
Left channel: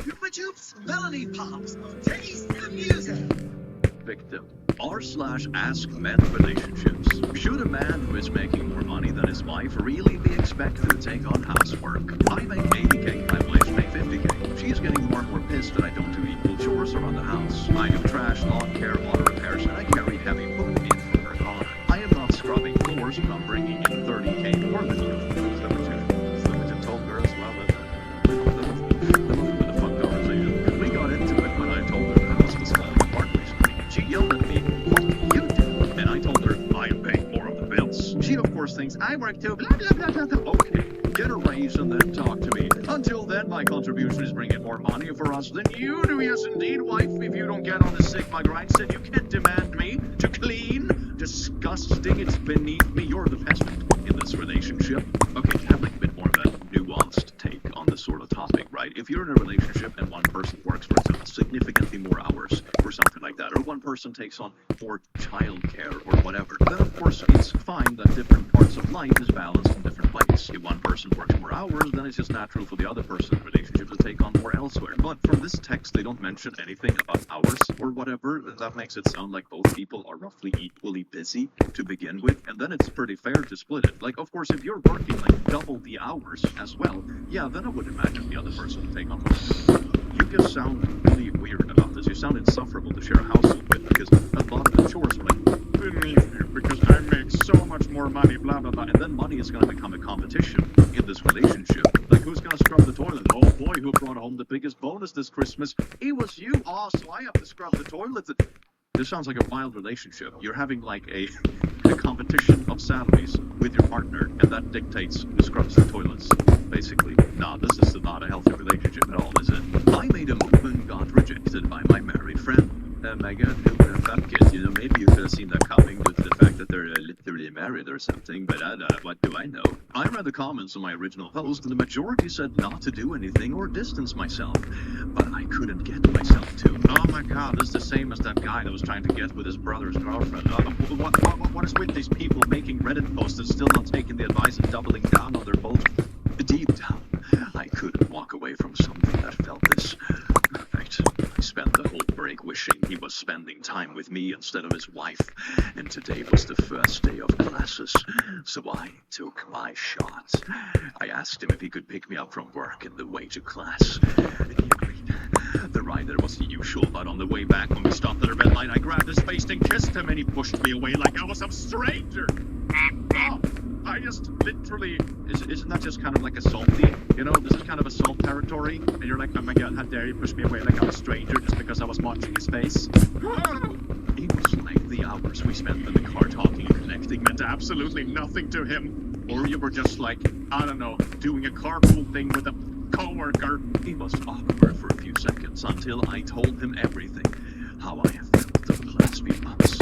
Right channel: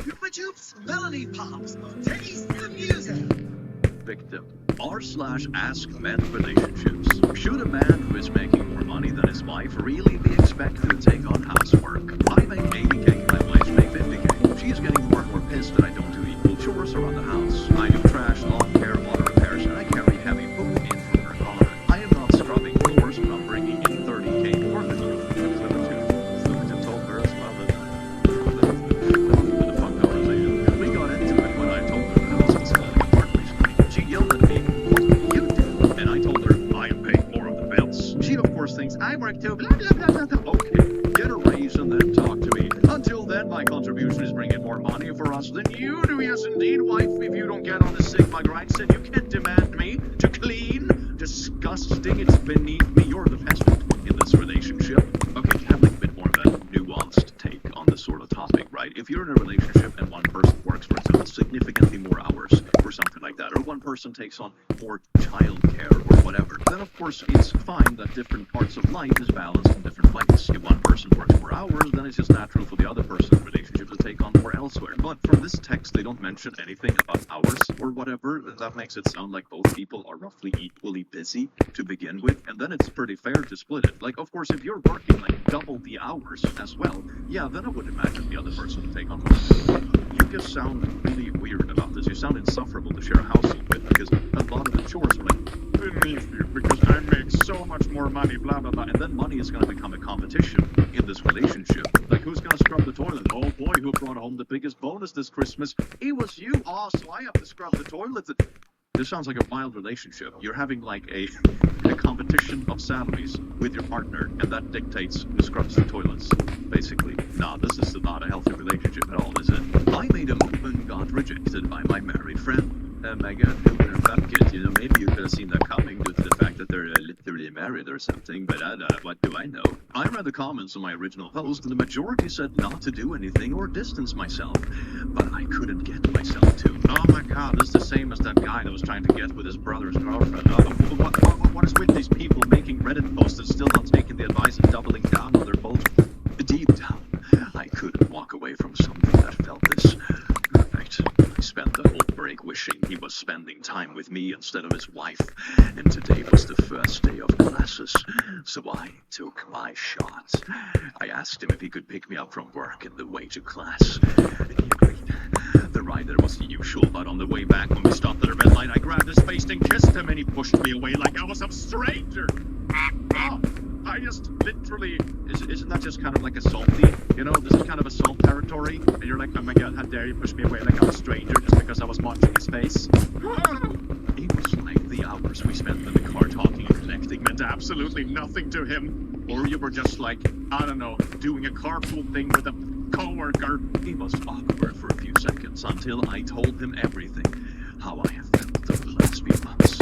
Chupa Chups, Melody Pops, taste the music. Victim r/ask men relationships. Should a man who is making more money than his wife really be expected to take on housework? I make 80k, my wife makes 50k. She's getting more and more pissed that I don't do equal chores around the house. I do trash, lawn care, auto repairs, and I carry heavy poop in from her car. I am not scrubbing floors, but I'm bringing in 30k more than you. So what you told her as well that was a bit of fun conversation. We got into it when I told her that the house was falling apart recently. She yelled at me, what do you do? And I told her, I am paying more of the bills. She of course thinks, I work too, blah blah blah blah. Okay, get a raise and then talk to me. Until then, my contribution is bringing more money for us than you do. Yes indeed, wife, if you don't get on the Sigma grind, said you can't demand me to clean. Disgusting, it's beneath me. You're the peasant in this relationship. Okay, have like a bit more of a nuanced take on this sort of topic, right? If you're in a relationship and one person works, for example, significantly more hours or something like that, or one person takes on more childcare or whatever, then of course it's fine that different parts of life is balanced in different ways. If one person works more hours, then it's just natural for the other person's relationship to take on more elsewhere. But from this text, they don't mention anything about hours or whatever. That makes it sound like both people are roughly equally busy to begin with, and then it's pretty fair to split it. Like, of course, if you're working like double the hours as well, yeah, then I would imagine the other person to take on more. But you just sound really weird about this. You sound insufferable to share a household with because a lot of the chores are like, beneath you because I make so much more money, blah, blah, blah. And then money is going to become a competition in this relationship. Like, who's going to scrub the toilet? Oh boy, who brought home the biggest bonus this Christmas? It was you. Oh, so I have to scrub the toilets. This sounds like a wild relationship. You're having like a competition of salaries with your partner, and that dictates who scrubs the toilets, basically. Nah, this is not a healthy relationship at all, is it? I made a move and got rejected by my married friend. My God, who would have thought it? You know, maybe you could have seen that coming due to the fact that they're literally married or something, but what do I know? I read the comments on my original post, and the majority said not to do anything or distance myself, but I couldn't get myself to. Oh my God, this is the same as that guy that was trying to get with his brother's girlfriend. What is with these people making Reddit posts and still not taking the advice and doubling down on their bullshit? Deep down, I couldn't walk away from something that felt this perfect. I spent the whole break wishing he was spending time with me instead of his wife, and today was the first day of classes, so I took my shot. I asked him if he could pick me up from work on the way to class, and he agreed. The ride there was the usual, but on the way back when we stopped at a red light, I grabbed his face and kissed him, and he pushed me away like I was some stranger. Oh, I just literally, isn't that just kind of like assaulty? You know, this is kind of assault territory, and you're like, oh my God, how dare you push me away like I'm a stranger just because I was watching his face? It was like the hours we spent in the car talking and connecting meant absolutely nothing to him. Or you were just like, I don't know, doing a carpool thing with a coworker. It was awkward for a few seconds until I told him everything. How I have felt over the last few months.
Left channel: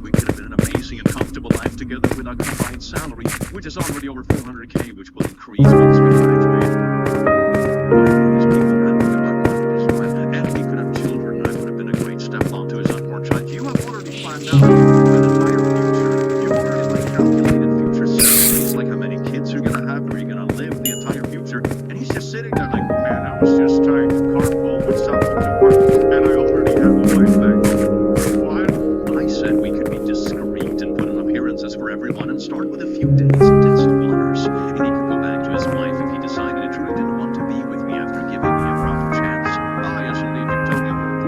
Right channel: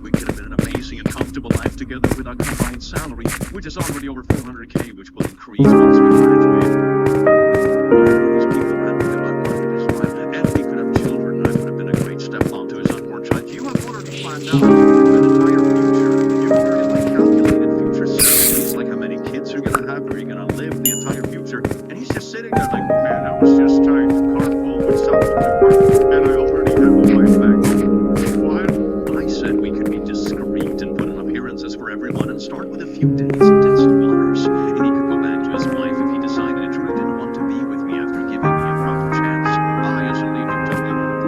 We could have been an amazing and comfortable life together with our combined salary, which is already over 400K, which will increase once we graduate. Why are all these people ranting about money this while? And we could have children, and I would have been a great stepmom to his unborn child. You have already planned out an entire future. You've already calculated future salaries, like how many kids you're gonna have, where you're gonna live, the entire future. And he's just sitting there like, man, I was just trying to carpool with someone to work, and I already have a wife back home. What? I said we could be discreet and put on appearances for everyone and start with a few days and test waters. And he could go back to his wife if he decided he truly didn't want to be with me after giving me a proper chance. Ah, yes, indeed, you totally wouldn't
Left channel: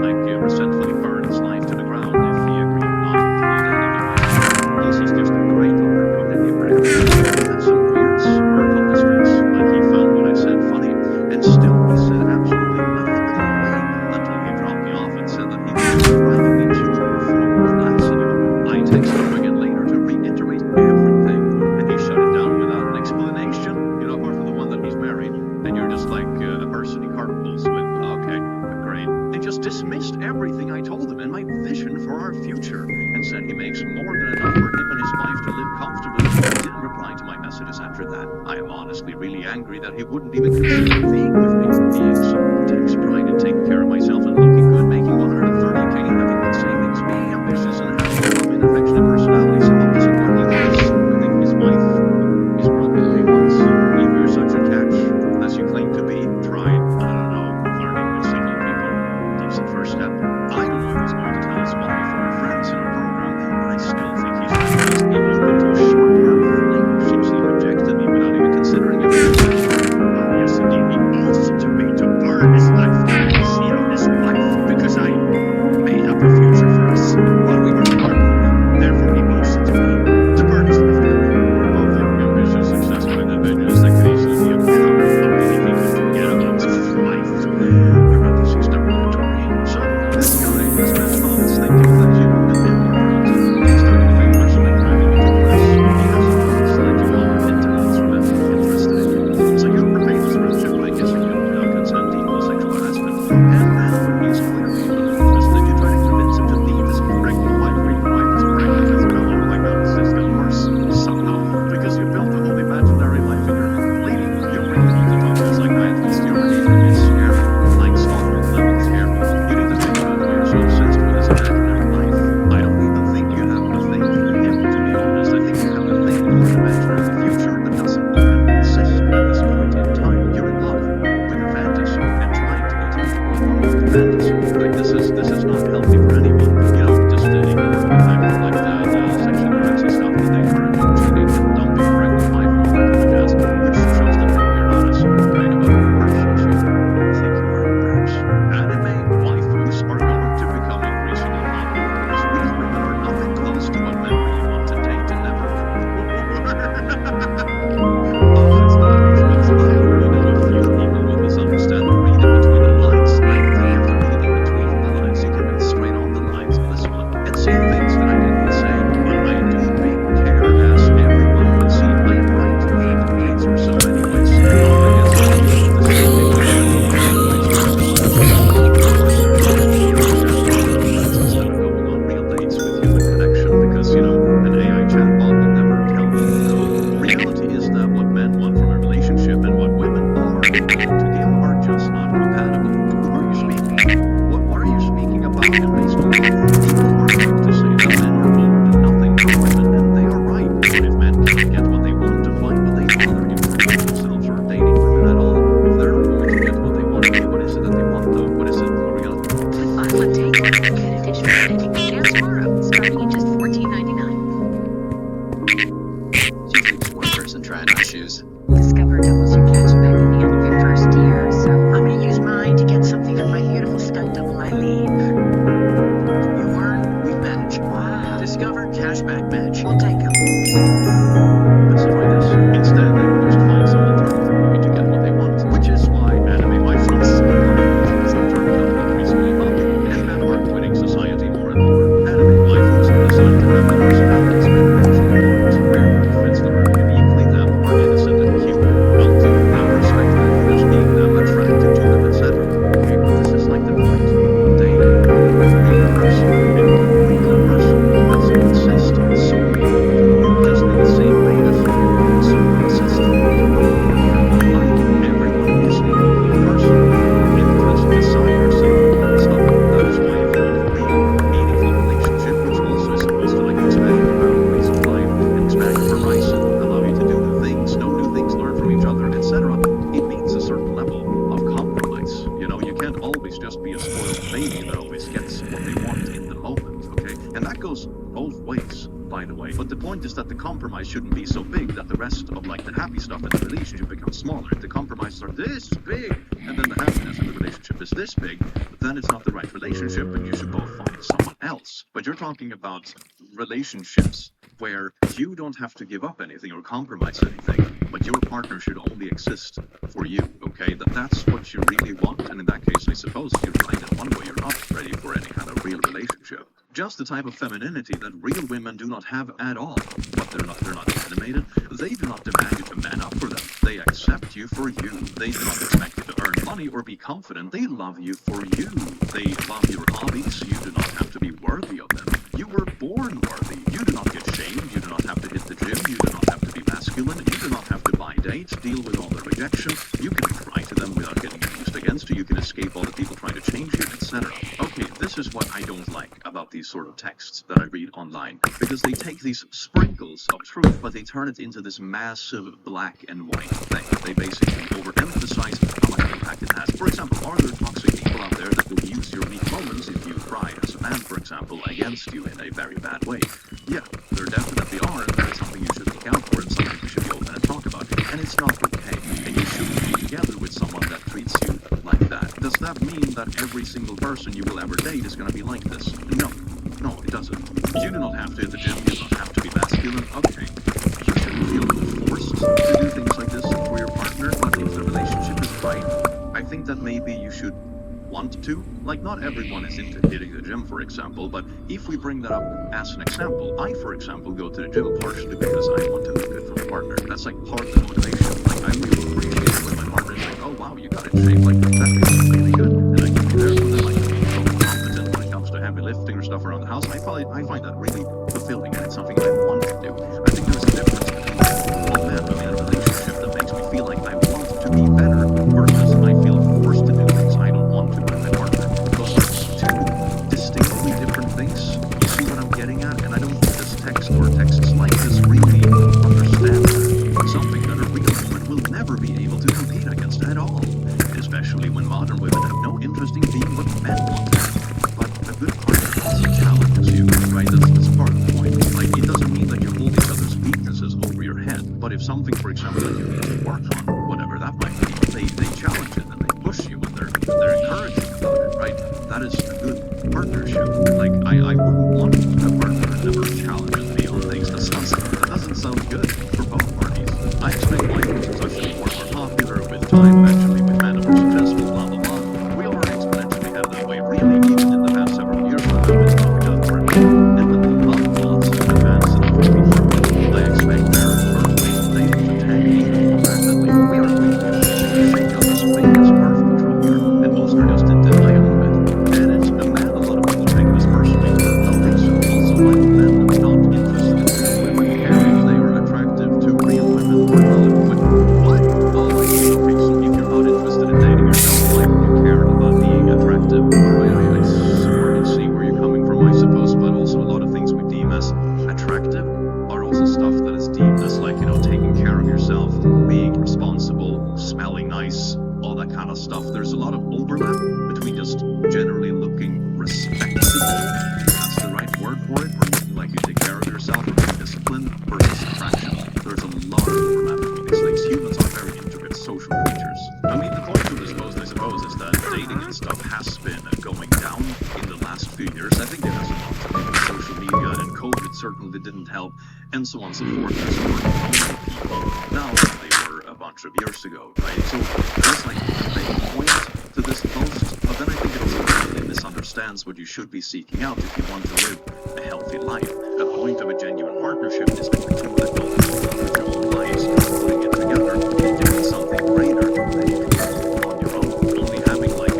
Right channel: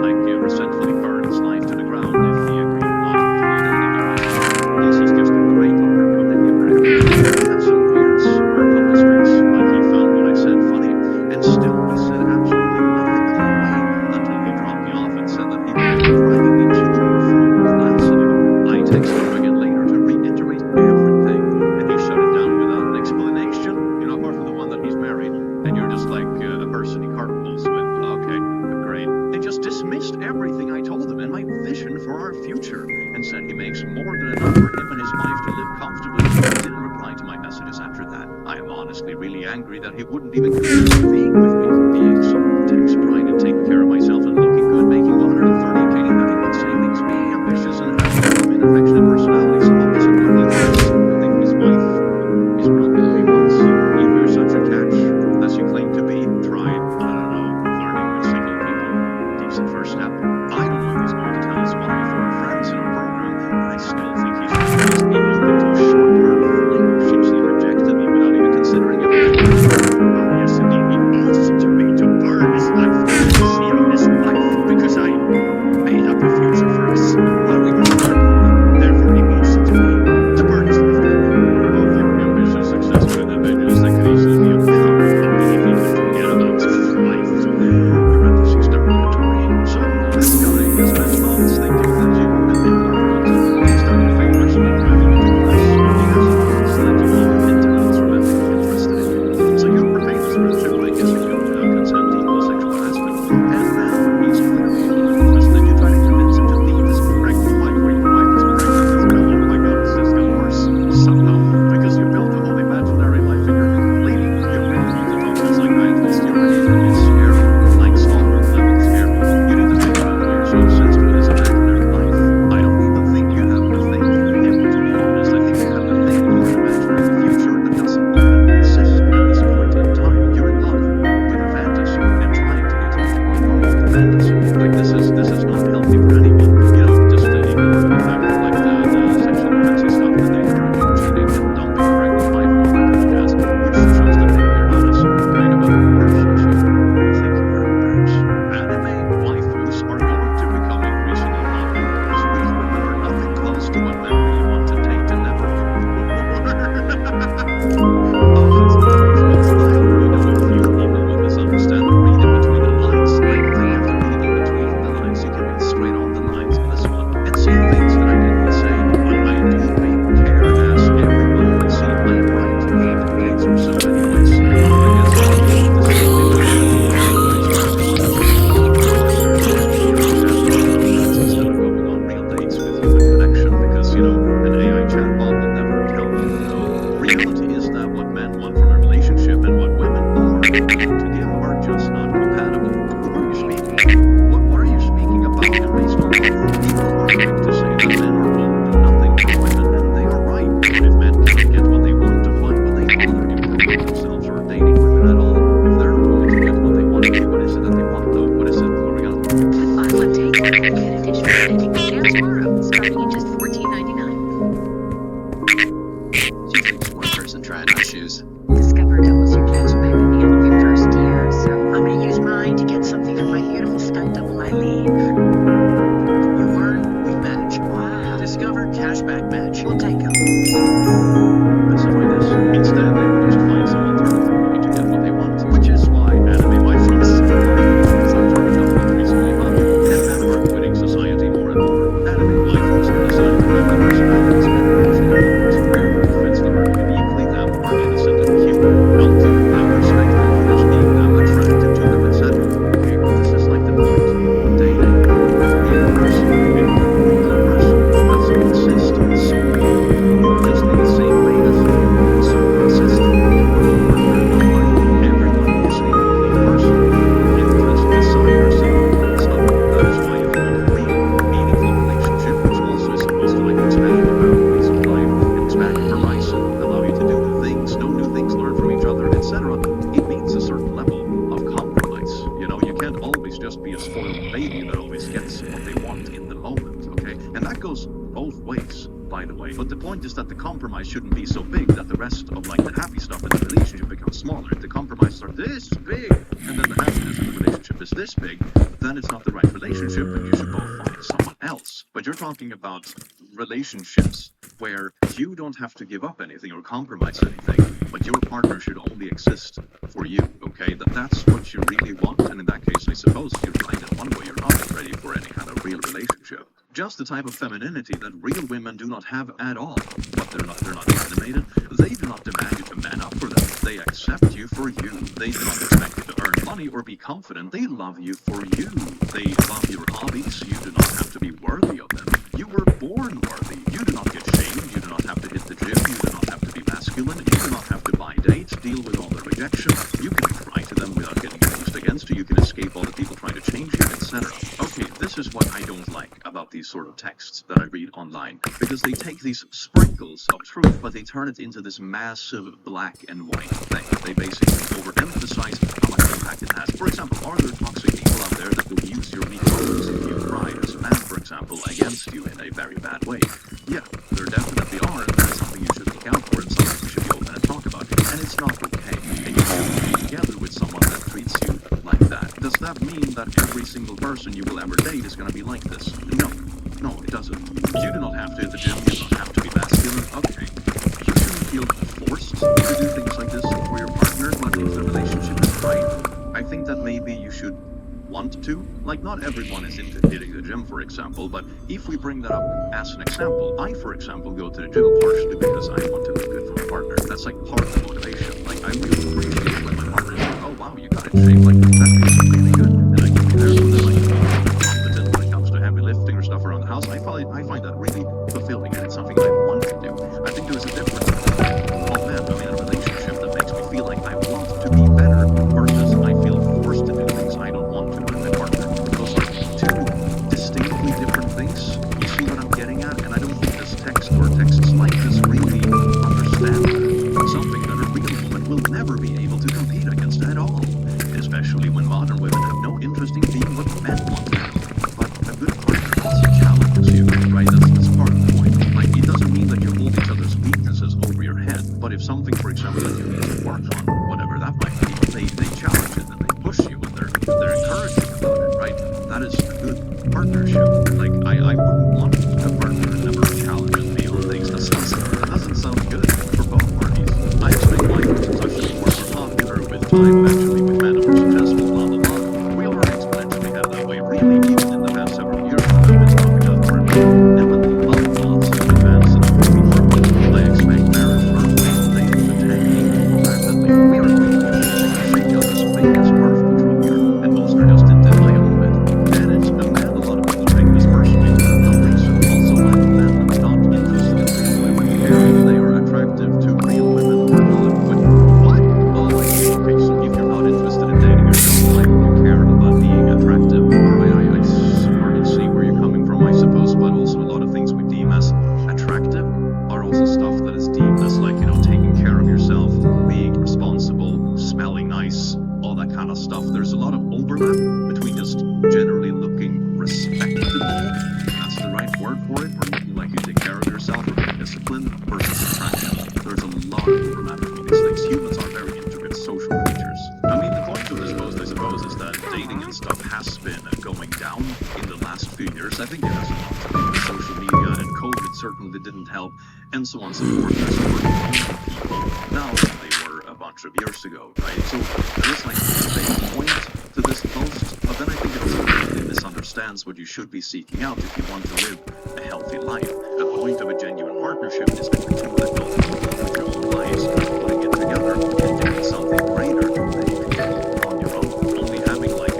resentfully burn his life to the ground if he agreed not to continue dating you. This is just a great opportunity for everyone. He had some weird smirk on his face, like he found what I said funny. And still, he said absolutely nothing the whole way until he dropped me off and said that he wasn't driving me to or from class anymore. I texted him again later to reiterate everything, and he shut it down without an explanation, you know, apart from the one that he's married, and you're just like a person he carpools with. Okay, great. And just dismissed everything I told him and my vision for our future, and said he makes more than enough for him and his wife to live comfortably. He didn't reply to my messages after that. I am honestly really angry that he wouldn't even consider being with me. Being someone who takes pride in taking care of myself and looking good, making 130K and having good savings, being ambitious and having a loving and affectionate personality. Some of isn't what he wants. I think his wife is probably what he wants. If you're such a catch as you claim to be, try, I don't know, flirting with single people. Decent first step. I don't know if he's going to tell his wife or our friends in our program, but I still think he should at least be open to a short-term fling since he rejected me without even considering everything. Ah, yes, indeed, he owes it to me to burn his life down and cheat on his wife because I made up a future for us while we were carpooling. Therefore, he owes it to me to burn his life down. We're both young, ambitious, successful individuals that could easily be a power couple if he could forget about his life. Parentheses derogatory. So, this guy has spent months thinking that you and him are friends. He's done you favors by driving you to class. He hasn't once let you on or hint that he's romantically interested in you. So you repaid his friendship by kissing him without consent, equal sexual harassment. And then, when he is clearly not interested, you try to convince him to leave his pregnant wife. Wait, your wife is pregnant as well. Oh my God, this just got worse somehow. Because you built a whole imaginary life in your head. Lady, you really need to talk to a psychiatrist. Your behavior is scary. Like stalker level scary. You need to think about why you're so obsessed with this imaginary life. I don't even think you have a thing for him, to be honest. I think you have a thing for an imaginary future that doesn't even exist at this point in time. You're in love with a fantasy and trying to get him to go along with the fantasy. Like, this is not healthy for anyone. You know, just ignore the fact of like the sexual harassing stuff that they encourage and cheating and dumping a pregnant wife and all that kind of jazz, which shows that maybe you're not as great of a person as you think you are. Oh, it's motivational. I already know a few people will misunderstand or read in between the lines. I don't think you have to read in between the lines. You can read straight on the lines on this one and see things that I did not say. But I do take care, as everyone would see. I am right a few decades or so anyways. I guess I'm using this instead of going on real dates with human connection because, you know, an AI chatbot will never tell you no. Reality is that what men want from a relationship and what women are willing to give are just not compatible. Who are you speaking to? What are you speaking about? And based on what? People are quick to say that men are owed nothing from women, and they are right. But if men cannot get what they want, why would they bother improving themselves or dating women at all? If they're not going to get what they want, okay, what is it that they want though? What is it? Are we gonna... With buy one take one, you get additional savings and tomorrow, starting at just $14.99. She's like just one person trying on shoes. Discover doubles your cash back at the end of your first year, so I'm gonna use mine to get something for my beautiful stunt double Eileen. You earn, we match. Wow. Discover cashback match. We'll take them. specify this. Instead, they would just find some alternative way to get what they want, which is why anime waifus are turning out increasingly popular, and men are quitting society more and more. Anime waifus are designed to have the personalities men actually want, where it fits them uniquely, them are innocent and cute, don't deal with them, respect them for just being them, attracted to them, etc. Okay, but this is like the point. Dating a real person, a real person doesn't exist solely for you, just in the same way as you solely exist for your partner. Either everyone is a complete person with their own interests, desires, and stuff. That is why you need a real, meaningful relationship, which also is supposed to like expand your boundaries of life and expand your horizon, allow you to do new things, know new things, learn from each other, etc. It means a certain level of compromise. You know, you can't always just be a spoiled baby that always gets what they want in the moment, okay? And that goes both ways, by the way. But the point is that the compromise shouldn't be so big that the rest of like the happy stuff in the relationship becomes smaller. If the compromises are this big, and then the happiness in the relationship is this big, then it's not the right relationship, and you should both find someone else. But you're talking about relationships where you don't have to give up anything or compromise anything, but your partner should only exist for you, okay? That's what you really want, and in that case, I suppose you're right in one way, you're not ready for any kind of real relationship. Just the type of femininity that real women do not have at all. But they're not animated. They do not demand you to man up for them. They accept you for you. They do not expect you to earn money or be confident. They love you for you. They love your hobbies. You do not have to be worthy of them. You were born worthy. You do not get shamed. You do not have to hit the gym. You do not have to be masculine. You do not have to buy dates, deal with all the rejection. You can cry to them without getting used against you. You can escape all the people trying to change you, etc. Okay, this is what I don't like about these sort of texts that I read online, because they take these sprinkles of truth, but they turn it into this massive black and white thing. They basically overemphasize how much impact it has. For example, are there toxic people out there that will use your weak moments if you cry as a man, for example, against you in a very bad way? Yeah, there definitely are, and that is something you should look out for and something you should be open and talk about. And it's not okay, and you shouldn't be together with someone that treats you like that. Does that mean that every single person you will ever date is going to be like this? No, it doesn't. You do not have to hit the gym, you do not have to be masculine. Okay, you shouldn't feel forced to do things like this for your partner, but if the relationship is right, I think that maybe you should want to. Like, not everyone is into hitting the gym, for example, but if we bring that up as an example, I, for example, go to the gym partially because I want to look good for my partner. That's like part of the motivation. Like, I really appreciate it when my partner is like, oh wow, you got in shape, like, that feels really good, and I can be there for them, I can be competent when it comes to heavy lifting or stuff around the house. I find that really fulfilling, and it's something I want to do. I think there's a difference between like, oh man, I'm in a relationship that makes me feel like I want to be better versus I feel forced to do things I don't want to with my partner. Those are two distinctly different things. You see what I'm getting at? And I don't think this text or texts like this really understand that. Something that a real woman will never be able to compete against at all. Especially when modern women have no interest in being what men want at all. But a good partner also challenges you, right? That's part of the point. Like, it doesn't mean that you hold each other's weaknesses over your head, but if something, for example, that you need to work on, whatever that might be, they challenge it and they push you and they're encouraging about it, right? That is a good partnership. Like, I wouldn't want a partner that never challenges me on things. That doesn't sound good for both parties. time eventually with men are more successful, blah blah blah. We already exponentially headed that way, really, even in the past several years when women's coming up for everyone. And when the love thoughts have advanced enough to be worked with, I expect marriage, birthplace, and dating to tank even more rapidly. We are quickly approaching a shake-up as big as birth control here, and most are just in denial of it. And it's a man, a lot of people take it as personally for no reason. Also, why would men not interested in real women care if they are attractive to real women or not? What? Oh, I see. Okay, so if you're not interested in dating yourself, why would you care about being attractive? Alright, I sort of see where you're coming from, I suppose, but also a lot of things we deem as attractive are also stuff that is deemed as, like, you know, taking care of yourself, being responsible, smelling nice, all that kind of stuff. There's a lot of overlap between just generally looking respectable, that's the right word for it, or looking like you take care of yourself or being disciplined, versus attraction. There's a lot of overlap between these things. Humans are very intricate social creatures. I mean, the point of this post, I suppose, is that dating and stuff has been going down in the last few years. I think it has a lot to do with social media, and COVID certainly didn't help, and so on and so forth. There's more lonely people now than they were a bunch of years ago, right? So there is like a vague point to this post, but then I think it also completely misunderstands what you should be seeking out if you want to live a healthy life. A point of a genuine partnership is that the two adult people with your own lives putting it together and doing something greater than you can do on your own. Only having like an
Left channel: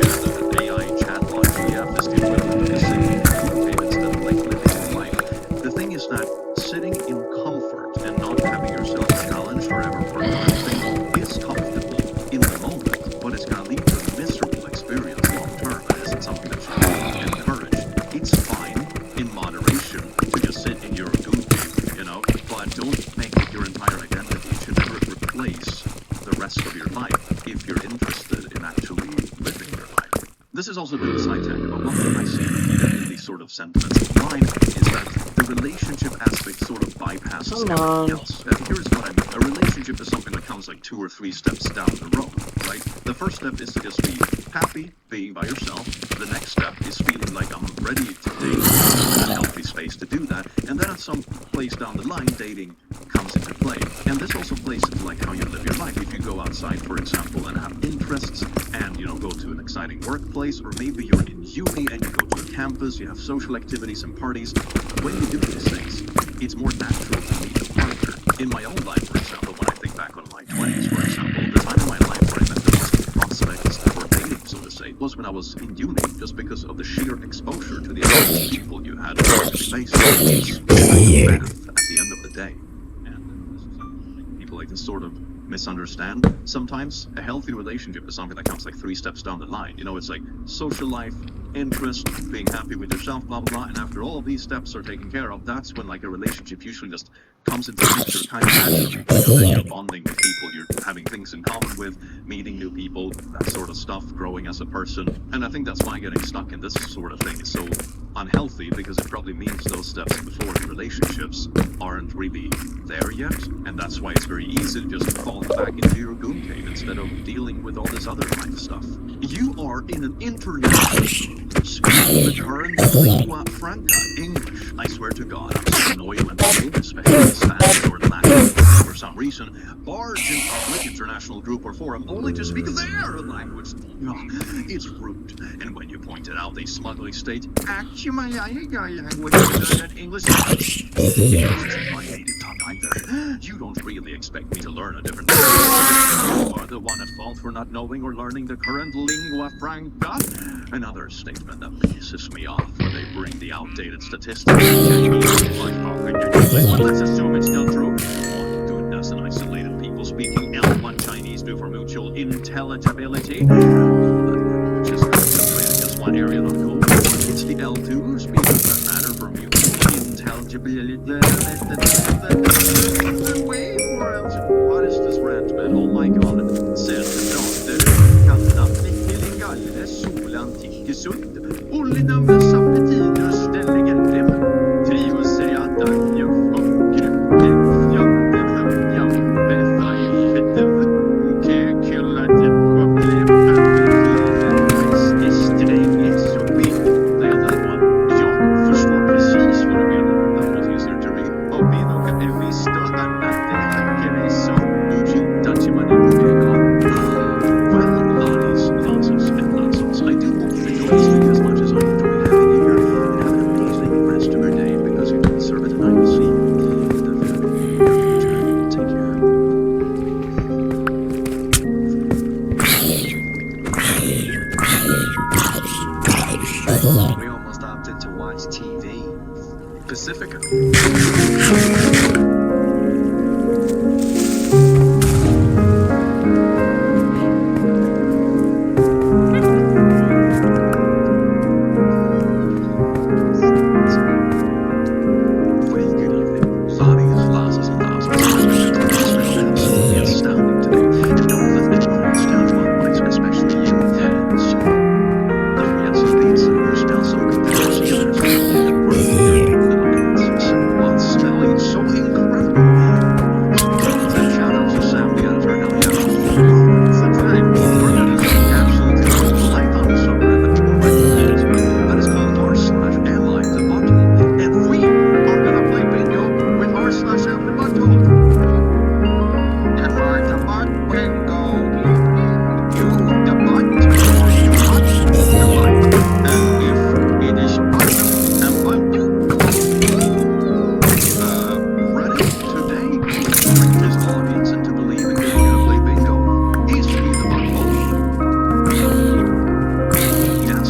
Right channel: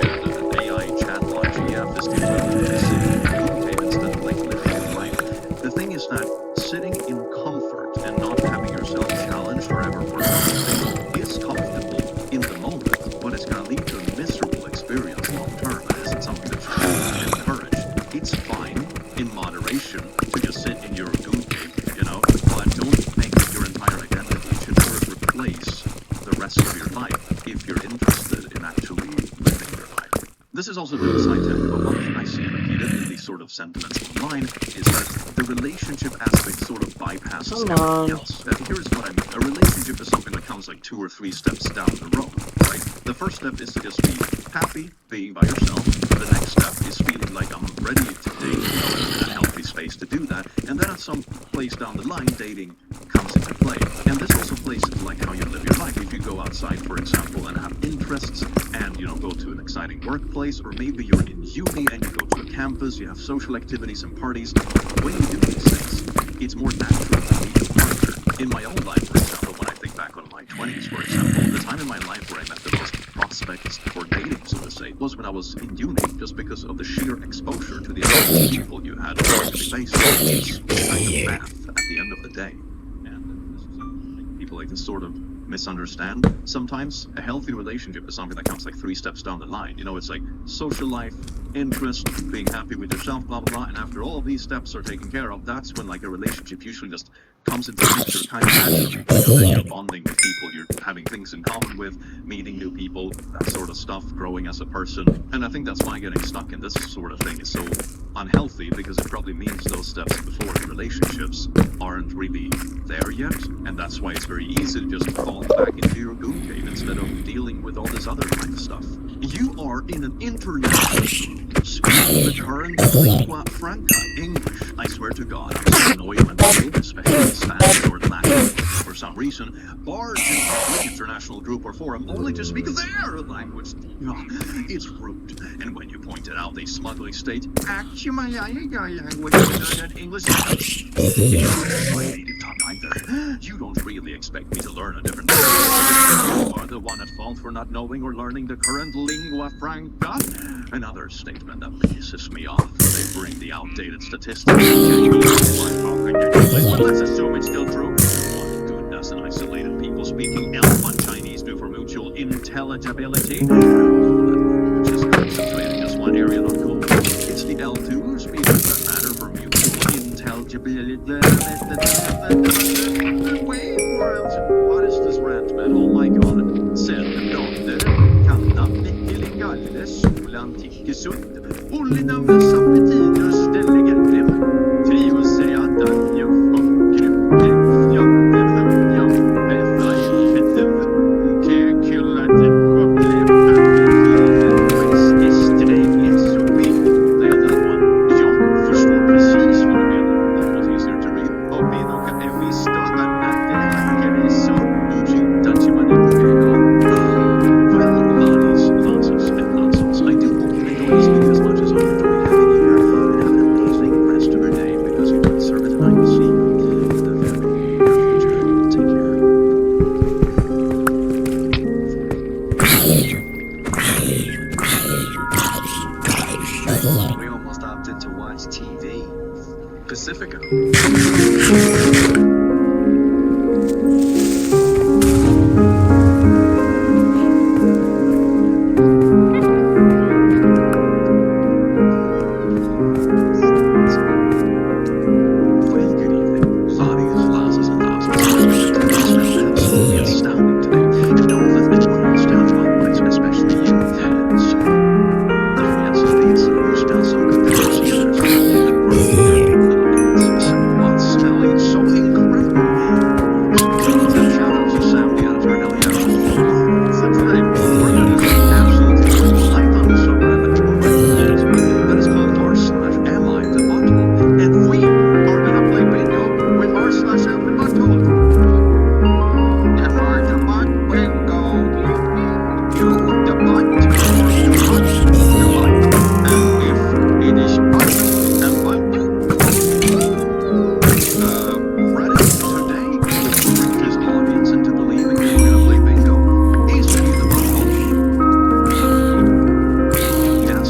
AI chatbot GF is the equivalent of sitting in a moon cave instead of like living your life. The thing is that sitting in comfort and not having yourself challenged or ever work on anything is comfortable in the moment, but it's going to lead to a miserable experience long term. It isn't something that should be encouraged. It's fine in moderation to just sit in your goon cave, you know, but don't make it your entire identity. It should never replace the rest of your life if you're interested in actually living your life. This is also a bit of a side tangent, but one thing I see repeated in these sort of sentiments online is that the relationship aspect sort of bypasses everything else. Here's what I mean. A relationship is something that comes like 2 or 3 steps down the road, right? The first step is to just be happy being by yourself. The next step is feeling like I'm ready to date, I'm in a healthy space to do that. And then at some place down the line, dating comes into play. And this also plays into like how you live your life. If you go outside, for example, and have interests and, you know, go to an exciting workplace, or maybe you're in uni and you go to a campus, you have social activities and parties. When you do these things, it's more natural to meet a partner. In my own life, for example, when I think back on my 20s, for example, the time in my life where I met the most prospects for dating, so to say, was when I was in uni, just because of the sheer exposure to the other people you had on a daily basis. It's like a bath at the end of the day. And this is something people like to sort of misunderstand. Sometimes a healthy relationship is something that comes like 3 steps down the line. You know, it's like social life, interest, being happy with yourself, blah blah blah, and after all these steps are taken care of, that's when like a relationship usually just comes into the picture kind of naturally. You know, you're bonding with people, you're having things in common with, meeting new people, that sort of stuff, growing as a person. And I think that's why getting stuck in this sort of thing is so unhealthy, because it probably means those steps before the relationships aren't really there yet, and that's why it's very easy to just fall back into your goon cave instead of dealing with all this other life stuff. You are in an international group, speaking the current lingua franca, English. I swear to God, I'm so annoyed when people, especially Spanish or Latin, for some reason, barge in public international group or forum only to speak their language. It's rude. And when you point it out, they smugly state, actually, my language is English. My native tongue either. You don't really expect me to learn a different language. You are the one at fault for not knowing or learning the current lingua franca. Another statement that pisses me off when they bring the outdated statistics. Well, let's assume it's still true. What good does an isolated people speaking L1 Chinese do for mutual intelligibility? All that language is concentrated in just one area, not cool. It's the L2 speakers that matter for mutual intelligibility. Wait, what is this rant, man? Oh my god. Centerplater, Kanna, Mikkelingalle, Solan, Tikkesult, Ollinames, Appetinus, Delegatim, Trios, Seriata, Njufon, Grumgrim, Fjorden, Jam, Bethai, Fetiv, Kekulade, Problem, Appetlet, West, Sträng, Sopi. Nailed that one. Jag förstår precis vad du menar. That was easier to read. Och vi nog är visst då att det hackar är så. Uji, Dachimani, ja. We almost opted to watch TV. Pacifica. Well, good evening. Lotties, lasses, and dazzles. Your clicks smell absolutely astounding today. And don't let anyone else tell you otherwise, especially you. So, oh, yes, indeed, sir. You smell so good that I'll see you there, sir. For your big little minutes. So, while smelling so incredibly. And shout out to Sam, the editor. Hell yeah. So today, we're going to do something absolutely wonderful. I found a subreddit that people write to me that is called r/Am I the Butthole? And we are going to play bingo with r/Am the Butthole. Am I the butt bingo? You the butt or you butt the butt? And if it is butt and butt, Reddit today would trick his audience into believing they were going to play bingo. Is he the butthole? Yes.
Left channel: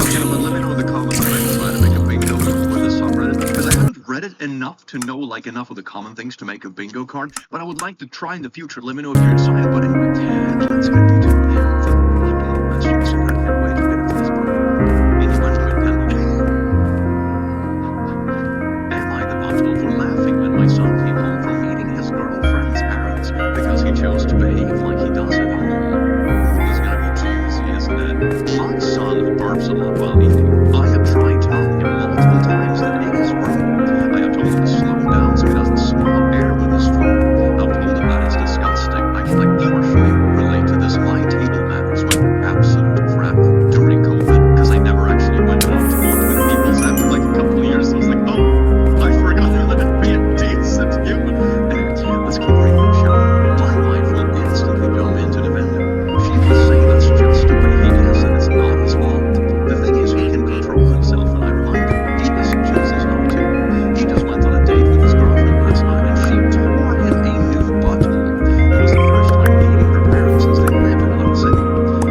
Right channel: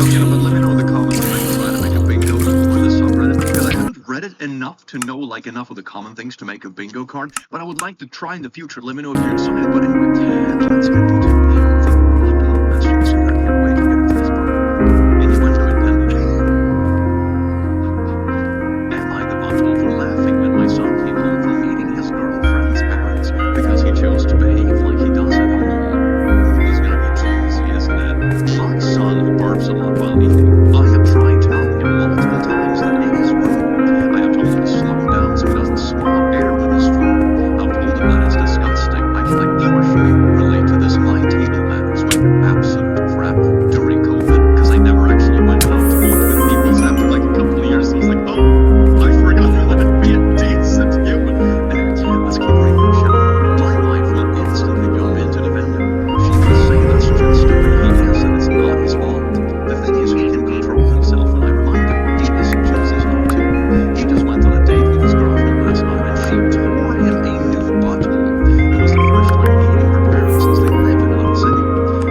Okay, but let me know in the comments if I can try to make a bingo for this subreddit, because I haven't read it enough to know enough of the common things to make a bingo card, but I would like to try in the future. Let me know if you're excited. But anyway, let's get into the butthole. Let's see, so I can't wait to get into this part. Innuendo intended. Am I the butthole for laughing when my son came home from meeting his girlfriend's parents because he chose to behave like he does at home? Ooh, this is gonna be juicy, isn't it? My son burps a lot while eating. I have tried telling him multiple times that it is rude. I have told him to slow down so he doesn't swallow air with his food. I've told him that it's disgusting. I can partially relate to this. My table manners went to absolute crap during COVID because I never actually went out to eat with people. So after a couple of years, I was like, oh, I forgot how to be a decent human. Anyway, let's keep reading, shall we? My wife will instantly jump in to defend him. She will say that's just the way he is and it's not his fault. The thing is, he can control himself when I remind him. He just chooses not to. He just went on a date with his girlfriend last night and she tore him a new butthole. It was the first time meeting her parents since they lived in another city.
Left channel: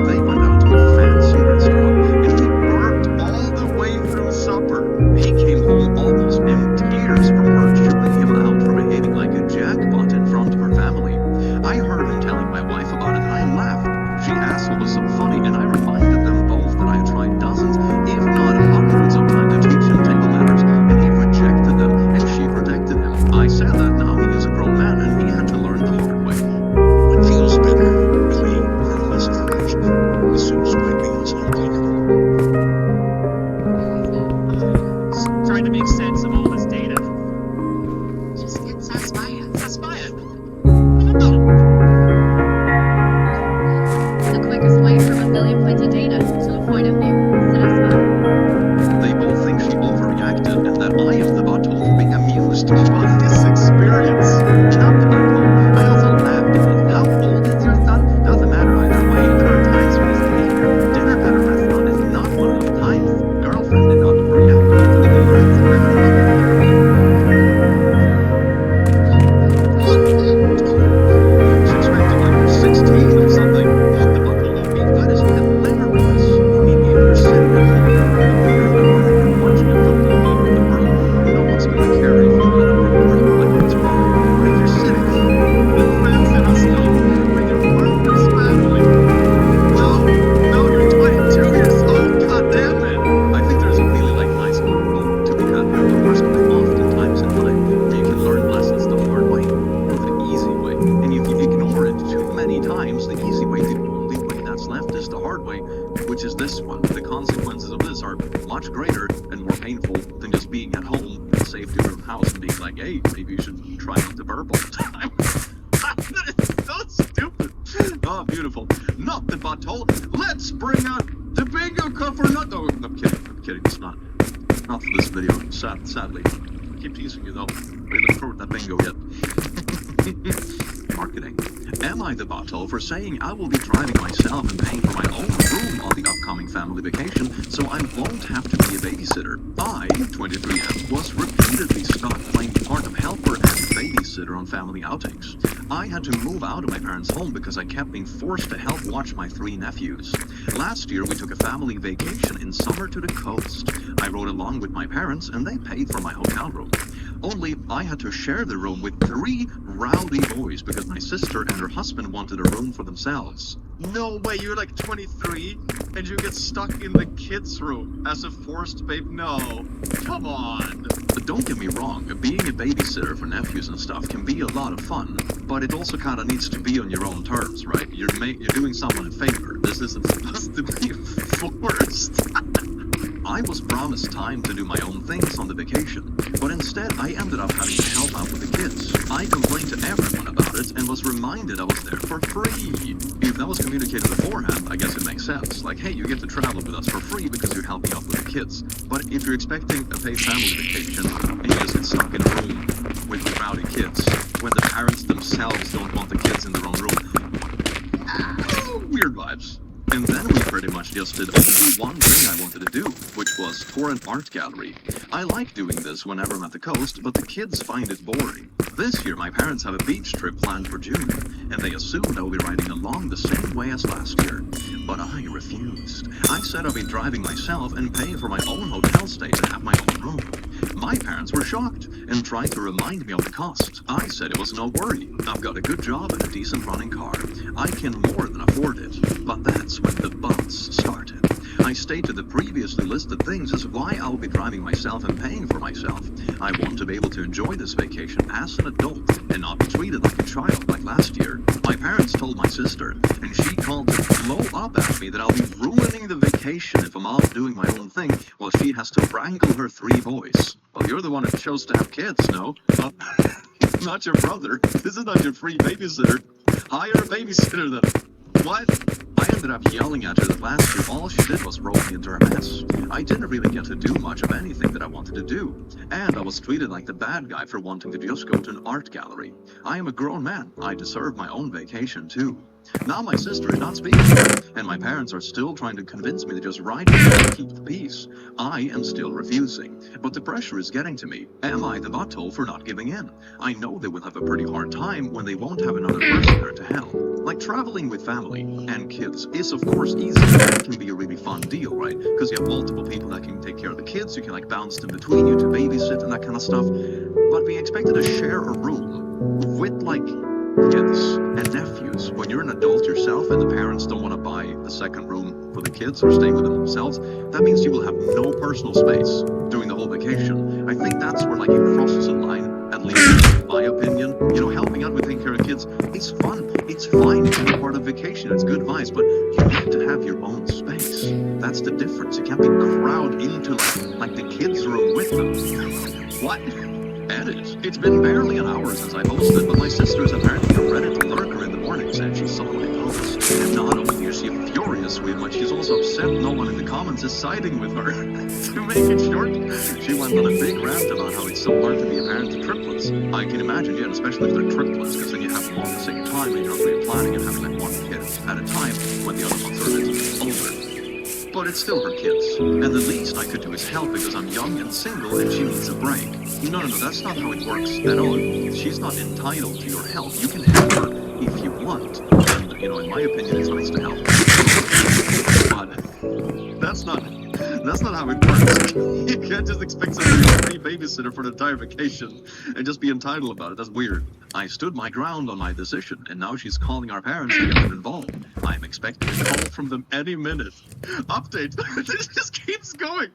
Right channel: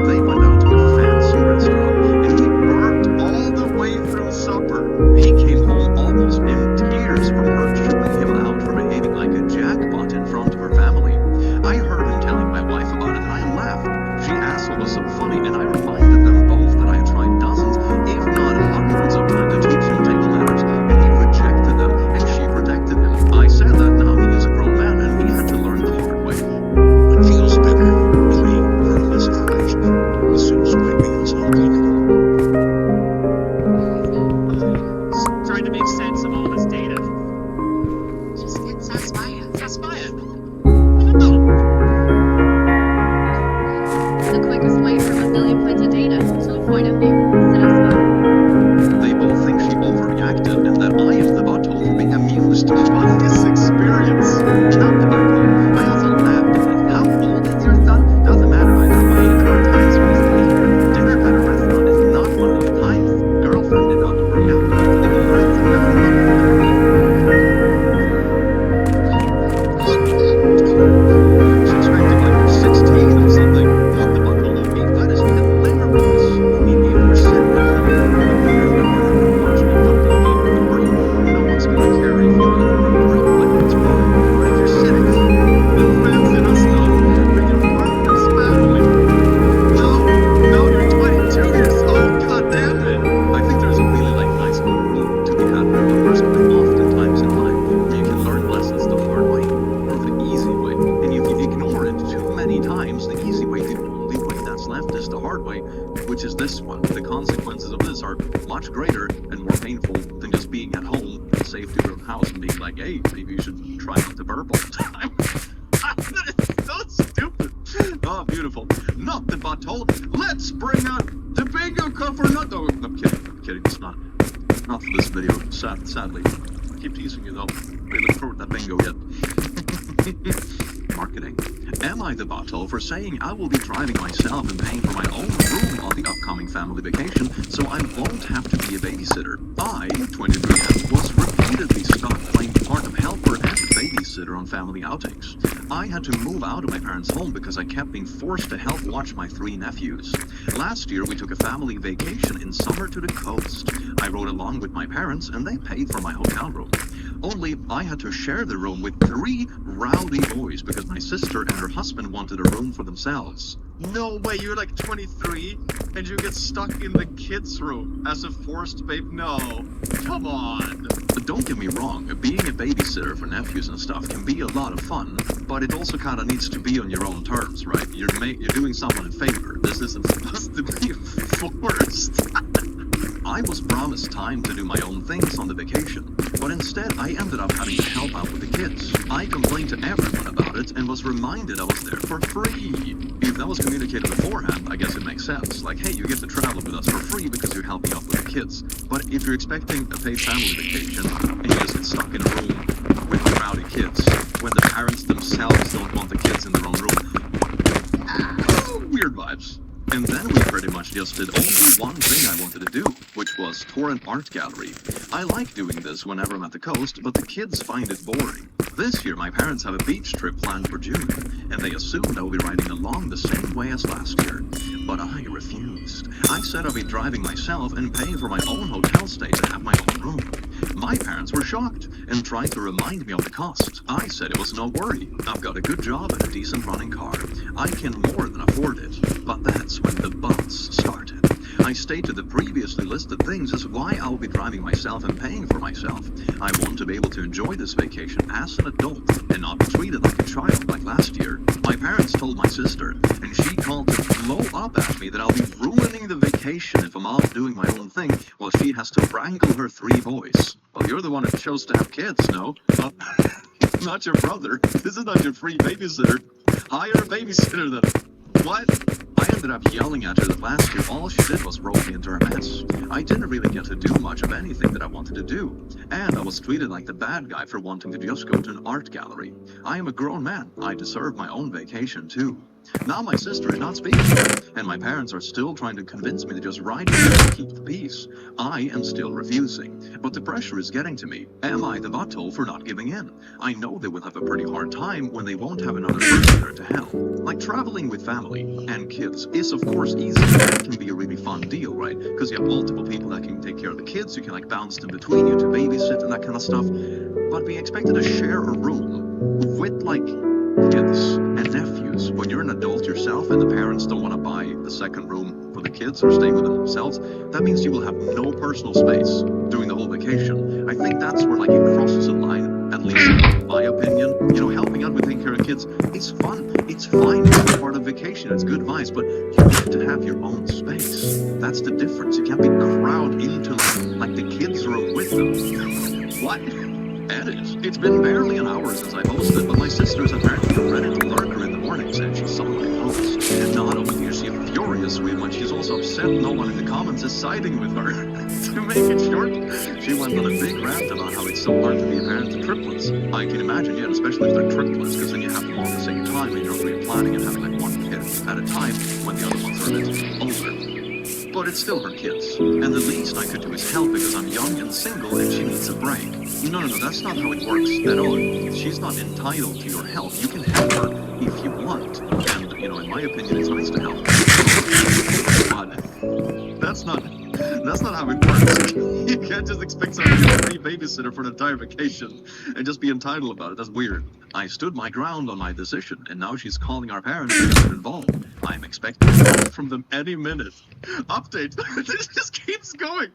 They went out to a fancy restaurant and he burped all the way through supper. He came home almost in tears from her chewing him out for behaving like a jackpot in front of her family. I heard him telling my wife about it and I laughed. She asked what was so funny, and I reminded them both that I had tried dozens, if not hundreds of times to teach him table manners, and he rejected them, and she protected him. I said that now he is a grown man, and he had to learn the hard way. What feels better? Clean or massage? As soon as my meals all clean. Trying to make sense of all this data. Just get Saspaya. Saspaya. The quickest way from 1 million points of data to a point of view. Saspaya. They both think she overreacted and that I am the butthole for being amused by his experience. Not the butthole. I also laughed at it. How old is your son? Doesn't matter either way. There are times for this behavior. Dinner at a restaurant is not one of those times. Girlfriend did not overreact. Hopefully he learns and never love that number. She's expecting 16 or something. Not the butthole will be. That is hilarious. I mean, if you're sitting at home with a beer and a burger watching a football game with the world, no one's gonna care if you let a burger rip. It's fine. But if you're sitting in a fancy restaurant with your partner's family, no, you're 22 years old. God damn it. I think there's a really nice moral to be had here, though. There's quite often times in life where you can learn lessons the hard way or the easy way. And if you ignore it too many times, the easy way, the only way that's left is the hard way, which is this one. The consequences of this are much greater and more painful than just being at home in the safety of your own house and being like, hey, maybe you should try not to burp all the time. That is so stupid. Oh, beautiful. Not the butthole. Let's bring out the bingo cover. I'm kidding. It's not for this video. Sadly. Keep teasing you though. Are you looking forward to that bingo yet? Marketing. Am I the butthole for saying I will be driving myself and paying for my own room on the upcoming family vacation so I won't have to be a babysitter? I, 23M, was repeatedly repeatedly stuck playing the part of helper and babysitter on family outings. I had to move out of my parents' home because I kept being forced to help watch my 3 nephews. Last year, we took a family vacation in summer to the coast. I rode along with my parents, and they paid for my hotel room. Only I had to share the room with 3 rowdy boys because my sister and her husband wanted a room for themselves. No way, you're like 23 and you get stuck in the kids' room as a forced babe. No, come on. But don't get me wrong, being a babysitter for nephews and stuff can be a lot of fun, but it also kind of needs to be on your own terms, right? You're doing someone a favor. This isn't supposed to be forced. I was promised time to do my own things on the vacation, but instead I ended up having to help out with the kids. I complained to everyone about it and was reminded I was there for free. If that was communicated beforehand, I guess it makes sense. Like, hey, you get to travel with us for free because you're helping out with the kids. But if you're expecting a paid family vacation and you just get stuck in a room with rowdy kids when the parents themselves don't want the kids in their own room, weird vibes. And then we pretty much just did only one thing I wanted to do, which was tour an art gallery. I like doing this whenever I'm at the coast, but the kids find it boring. This year, my parents have a beach trip planned for June, and they assumed I would be riding along the same way as last year. But I refused. I said I'd be driving myself and paying for my own hotel stay to have my own room. My parents were shocked and tried to remind me of the cost. I said it was no worry. I've got a good job and a decent running car. I can more than afford it. But that's when the bumps started. I stated the previously listed things as why I'll be driving myself and paying for myself. I want to be able to enjoy this vacation as an adult and not be treated like a child like last year. My parents told my sister, and she called to blow up at me that I'll be ruining the vacation if I'm out doing my own thing while she has to wrangle her 3 boys. Well, you're the one that chose to have kids, no? Not your brother. This is not your free babysitter. Hire a babysitter then. What? I ended up yelling at her that last year all she did was roll me into her mess. I didn't really get to do much of anything that I wanted to do, and I was treated like the bad guy for wanting to just go to an art gallery. I am a grown man. I deserve my own vacation too. Now my sister is not speaking, and my parents are still trying to convince me to just ride with them and keep the peace. I am still refusing, but the pressure is getting to me. Am I the butthole for not giving in? I know they will have a pretty hard time when they won't have another person there to help. Like traveling with family and kids is of course easy. It can be a really fun deal, right? Because you have multiple people that can take care of the kids, you can like bounce them between you to babysit and that kind of stuff. But being expected to share a room with like kids and nephews when you're an adult yourself and the parents don't want to buy a second room for the kids or stay with them themselves, that means you will have no personal space during the whole vacation. I think that's where like it crosses a line, at least in my opinion. You know, helping out with taking care of kids, it's fun, it's fine to be part of vacation, it's good advice, but you need to have your own space. That's the difference. You can't be crowded into like the kids' room with them. What? Edit. It's been barely an hour since I posted, but my sister is apparently a Reddit lurker in the mornings and she saw my post. And not only is she furious with me, she's also upset no one in the comments is siding with her. To make it short, she went on a big rant about how it's so hard to be a parent to triplets. I can imagine, yeah, especially if they're triplets, because then you have them all at the same time and you're not really planning and having like one kid at a time when the other ones are a bit older. But it's still her kids, and the least I could do is help because I'm young and single and she needs a break. No, that's not how it works at all. She's not entitled to your help. You can help her if you want, and, you know, in my opinion, it's nice to help. But that's not how it works. You can't just expect someone to be a free babysitter for an entire vacation and just be entitled about it. That's weird. I stood my ground on my decision, and now she's calling our parents to get them involved. I'm expecting a call from them any minute. Update. This just keeps going.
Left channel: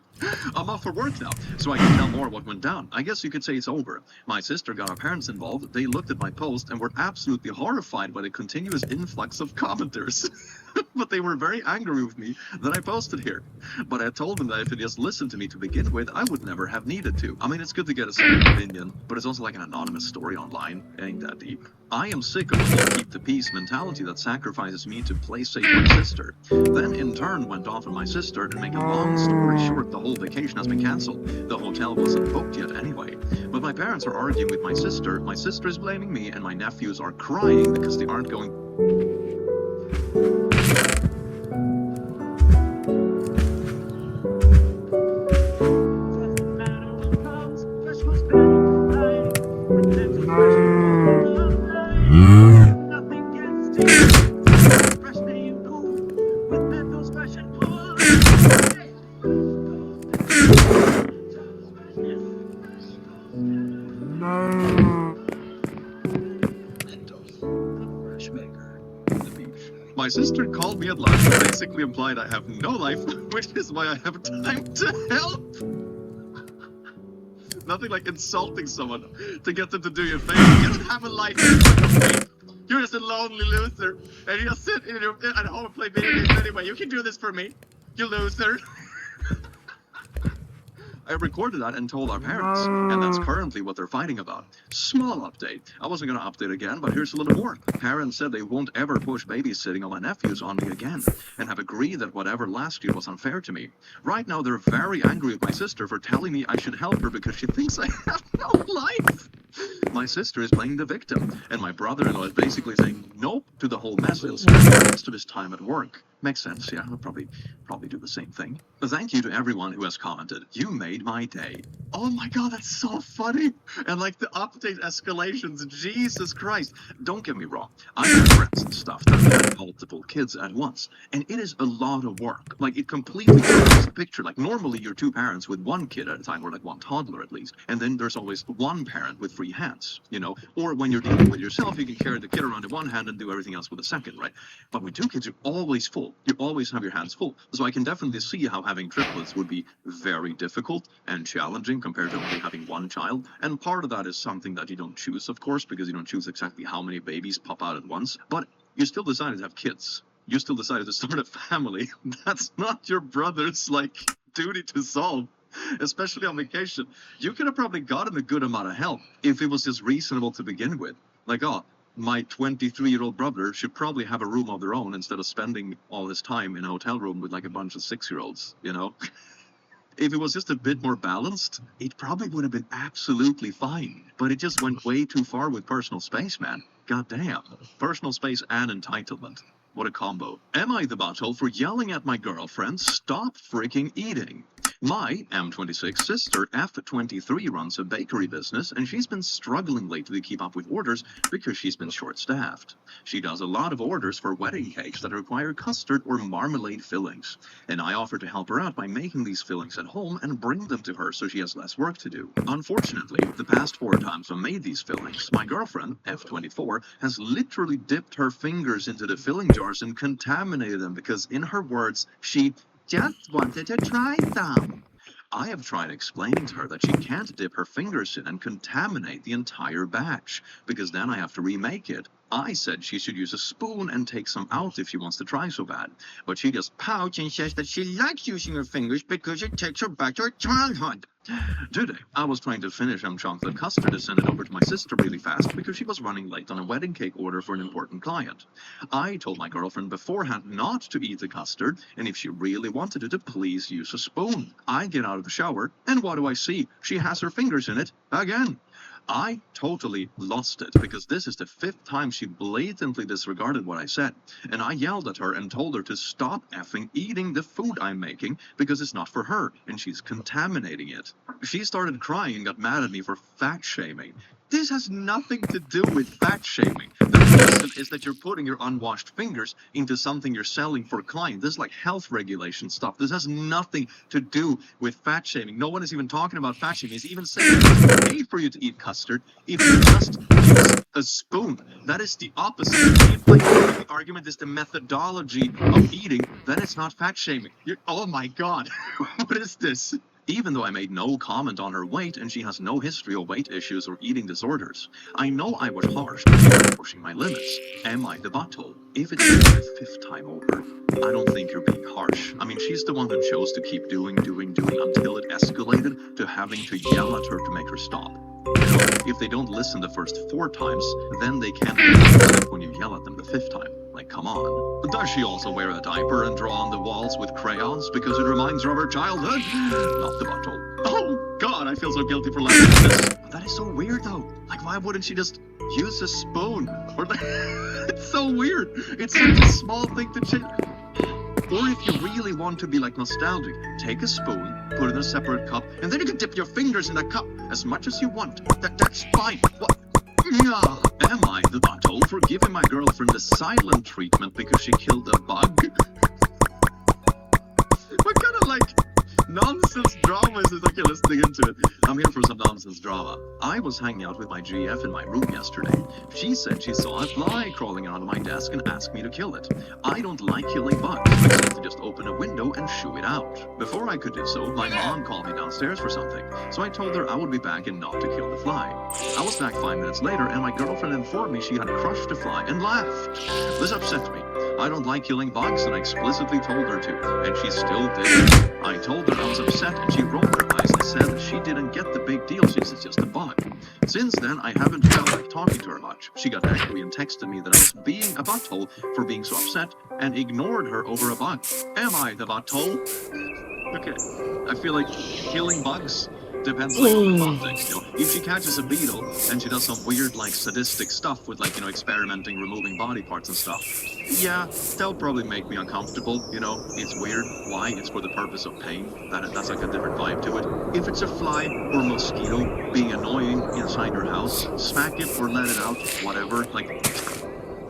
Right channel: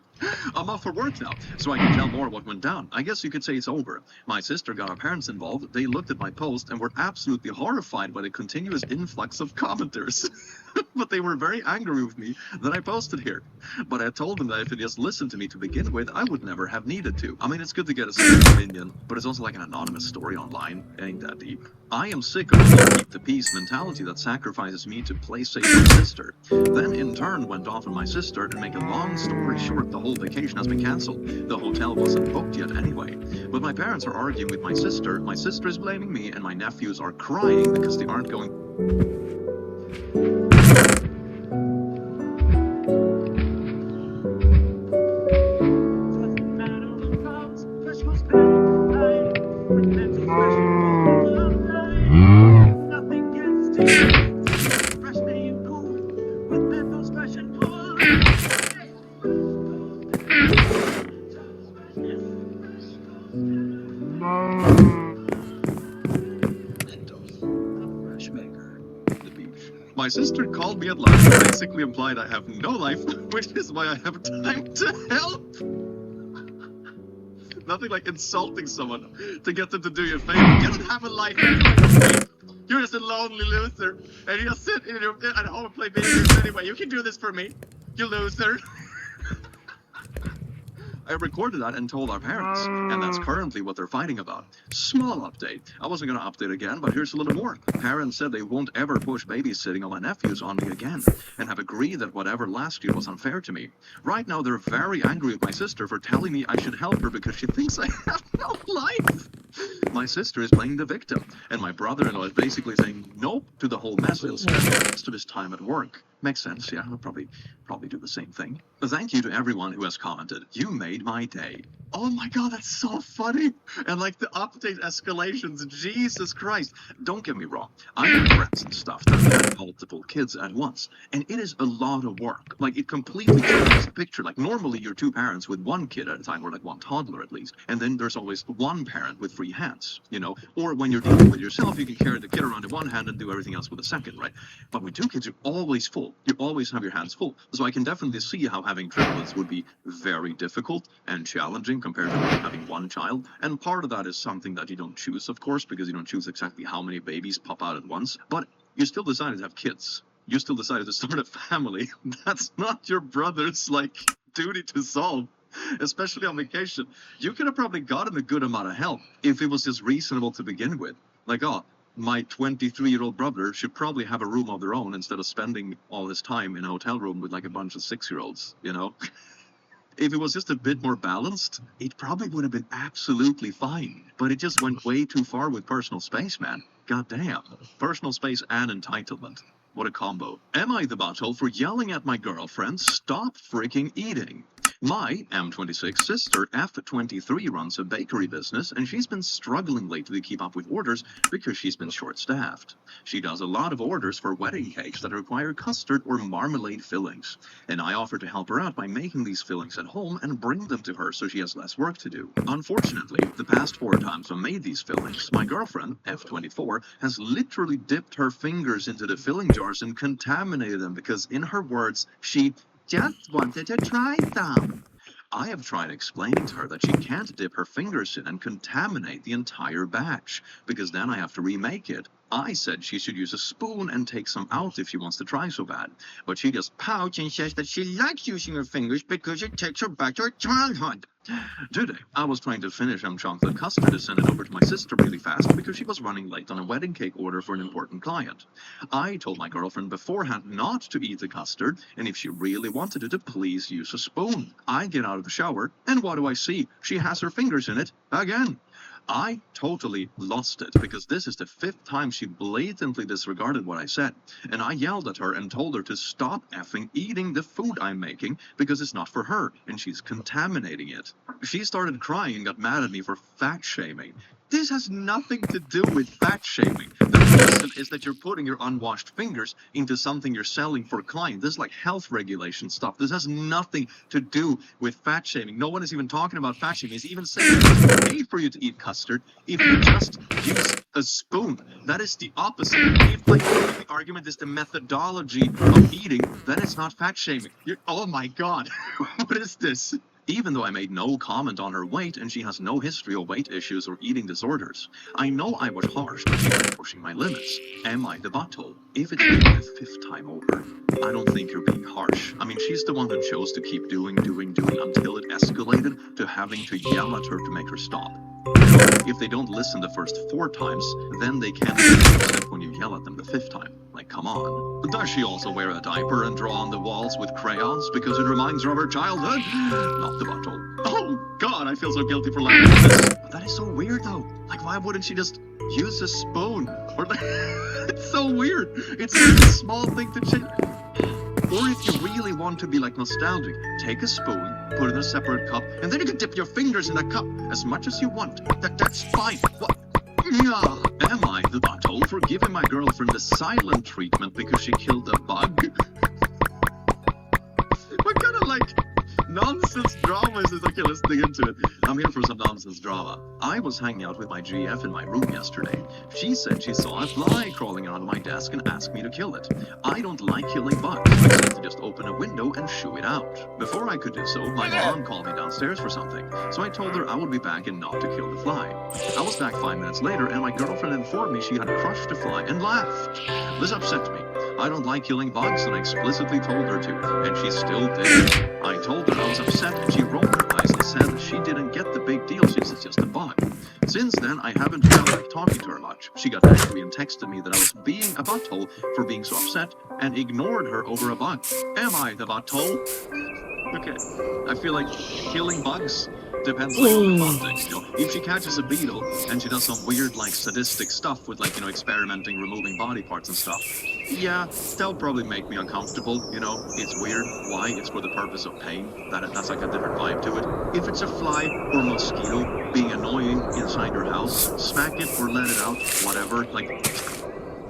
I'm off for work now, so I can tell more what went down. I guess you could say it's over. My sister got our parents involved. They looked at my post and were absolutely horrified by the continuous influx of commenters. But they were very angry with me that I posted here. But I told them that if they just listened to me to begin with, I would never have needed to. I mean, it's good to get a second opinion, but it's also like an anonymous story online. It ain't that deep. I am sick of the keep the peace mentality that sacrifices me to play safe my sister. Then in turn went off on my sister, and make a long story short, the whole vacation has been cancelled. The hotel wasn't booked yet anyway. But my parents are arguing with my sister is blaming me, and my nephews are crying because they aren't going... Doesn't matter what comes, Christmas. Fresh made poo with Mentos Fresh and Poo. The fresh maker. The beach. My sister called me at lunch and basically implied I have no life, which is why I have time to help. Nothing like insulting someone to get them to do you a favor. You don't have a life anyway. You're just a lonely loser, and you just sit at home and play video games anyway. You can do this for me, you loser. I recorded that and told our parents, and that's currently what they're fighting about. Small update. I wasn't going to update again, but here's a little more. Parents said they won't ever push babysitting on my nephews on me again, and have agreed that whatever last year was unfair to me. Right now, they're very angry with my sister for telling me I should help her because she thinks I have no life. My sister is playing the victim, and my brother-in-law is basically saying nope to the whole mess. He'll spend the rest of his time at work. Makes sense, yeah. I'll probably do the same thing. But thank you to everyone who has commented. You made my day. Oh my god, that's so funny. And like the update escalations, Jesus Christ. Don't get me wrong. I have friends and stuff that have multiple kids at once. And it is a lot of work. Like it completely changes the picture. Like normally you're two parents with one kid at a time, or like one toddler at least. And then there's always one parent with free hands, you know? Or when you're dealing with yourself, you can carry the kid around in one hand and do everything else with a second, right? But with two kids, you're always full. You always have your hands full. So I can definitely see how having triplets would be very difficult and challenging compared to having one child. And part of that is something that you don't choose, of course, because you don't choose exactly how many babies pop out at once. But you still decided to have kids. You still decided to start a family. That's not your brother's, like, duty to solve. Especially on vacation. You could have probably gotten a good amount of help if it was just reasonable to begin with. Like, oh, my 23-year-old brother should probably have a room of their own instead of spending all his time in a hotel room with like a bunch of 6-year-olds, you know? If it was just a bit more balanced, it probably would have been absolutely fine. But it just went way too far with personal space, man. God damn. Personal space and entitlement. What a combo. Am I the butthole for yelling at my girlfriend, stop freaking eating? My M26 sister F23 runs a bakery business, and she's been struggling lately to keep up with orders because she's been short-staffed. She does a lot of orders for wedding cakes that require custard or marmalade fillings, and I offered to help her out by making these fillings at home and bring them to her so she has less work to do. Unfortunately, the past 4 times I made these fillings, my girlfriend, F24, has literally dipped her fingers into the filling jars and contaminated them because, in her words, she just wanted to try some. I have tried explaining to her that she can't dip her fingers in and contaminate the entire batch, because then I have to remake it. I said she should use a spoon and take some out if she wants to try so bad, but she just pouts and says that she likes using her fingers because it takes her back to her childhood. Today, I was trying to finish chocolate custard and send it over to my sister really fast because she was running late on a wedding cake order for an important client. I told my girlfriend beforehand not to eat the custard, and if she really wanted it, to please use a spoon. I get out of the shower, and what do I see? She has her fingers in it again. I totally lost it because this is the 5th time she blatantly disregarded what I said, and I yelled at her and told her to stop effing eating the food I'm making because it's not for her and she's contaminating it. She started crying and got mad at me for fat shaming. This has nothing to do with fat shaming. The reason is that you're putting your unwashed fingers into something you're selling for a client. This is like health regulation stuff. This has nothing to do with fat shaming. No one is even talking about fat shaming. It's even saying it's okay for you to eat custard if you just use a spoon. That is the opposite. If like the argument is the methodology of eating, then it's not fat shaming. Oh my god. What is this? Even though I made no comment on her weight and she has no history of weight issues or eating disorders, I know I was harsh but she was pushing my limits. Am I the butthole? If it's really the 5th time over, I don't think you're being harsh. I mean, she's the one who chose to keep doing until it escalated to having to yell at her to make her stop. If they don't listen the first 4 times, then they can't listen when you yell at them the 5th time. Like, come on. Does she also wear a diaper and draw on the walls with crayons because it reminds her of her childhood? Not the butthole. Oh, God, I feel so guilty for laughing at this. But that is so weird, though. Like, why wouldn't she just use a spoon? Or like, it's so weird. It's such a small thing to change. Or if you really want to be like nostalgic, take a spoon, put it in a separate cup, and then you can dip your fingers in that cup as much as you want. That's fine. Am I the butthole for giving my girlfriend the silent treatment because she killed a bug? What kind of nonsense drama is this? Okay, let's dig into it. I'm here for some nonsense drama. I was hanging out with my GF in my room yesterday. She said she saw a fly crawling around my desk and asked me to kill it. I don't like killing bugs. I said to just open a window and shoo it out. Before I could do so, my mom called me downstairs for something. So I told her I would be back and not to kill the fly. I was back 5 minutes later and my girlfriend informed me she had crushed the fly and laughed. This upset me. I don't like killing bugs, and I explicitly told her to, and she still did. I told her I was upset, and she rolled her eyes and said that she didn't get the big deal since it's just a bug. Since then, I haven't felt like talking to her much. She got angry and texted me that I was being a butthole for being so upset, and ignored her over a bug. Am I the butthole? Okay, I feel like killing bugs depends on the context, If she catches a beetle and she does some weird, sadistic stuff with, experimenting, removing body parts and stuff, yeah, that'll probably make me uncomfortable, It's weird. Why? It's for the purpose of pain. That's like a different vibe to it. If it's a fly or mosquito being annoying inside your house, smack it or let it out, whatever.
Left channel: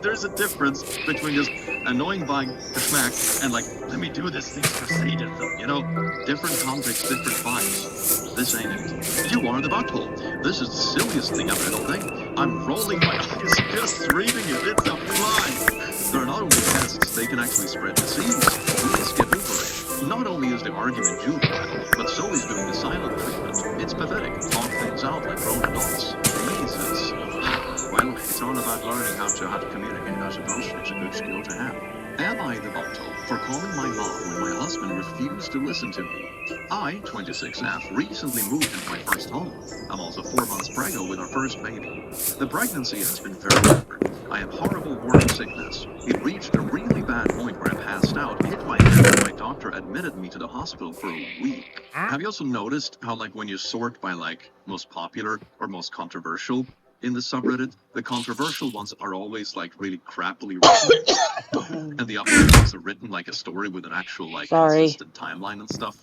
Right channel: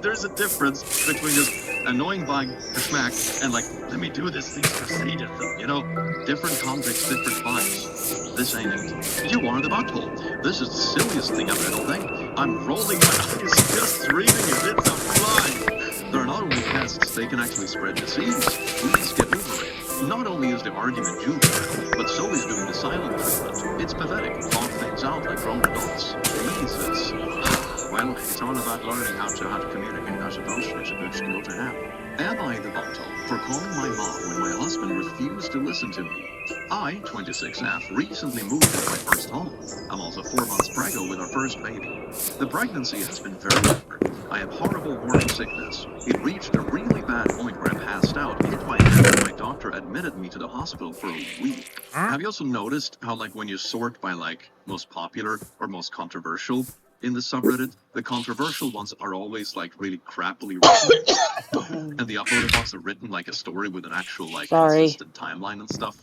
There's a difference between just annoying bug to smack and let me do this thing for sadism, Different context, different vibes. This ain't it. You are the butthole. This is the silliest thing I've read all day. I'm rolling my eyes just reading it. It's a fly. They're not only pests, they can actually spread disease. Please get over it. Not only is the argument juvenile, but so is doing the silent treatment. It's pathetic. Talk things out like grown adults. Jesus. Well, it's all about learning how to communicate, I suppose. It's a good skill to have. Am I the butthole for calling my mom when my husband refused to listen to me? I, 26F, recently moved into my first home. I'm also 4 months preggo with our first baby. The pregnancy has been very hard. I have horrible morning sickness. It reached a really bad point where I passed out, hit my head, and my doctor admitted me to the hospital for a week. Have you also noticed how, when you sort by, most popular or most controversial in the subreddit, the controversial ones are always really crappily written, and the uploaded ones are written like a story with an actual consistent timeline and stuff.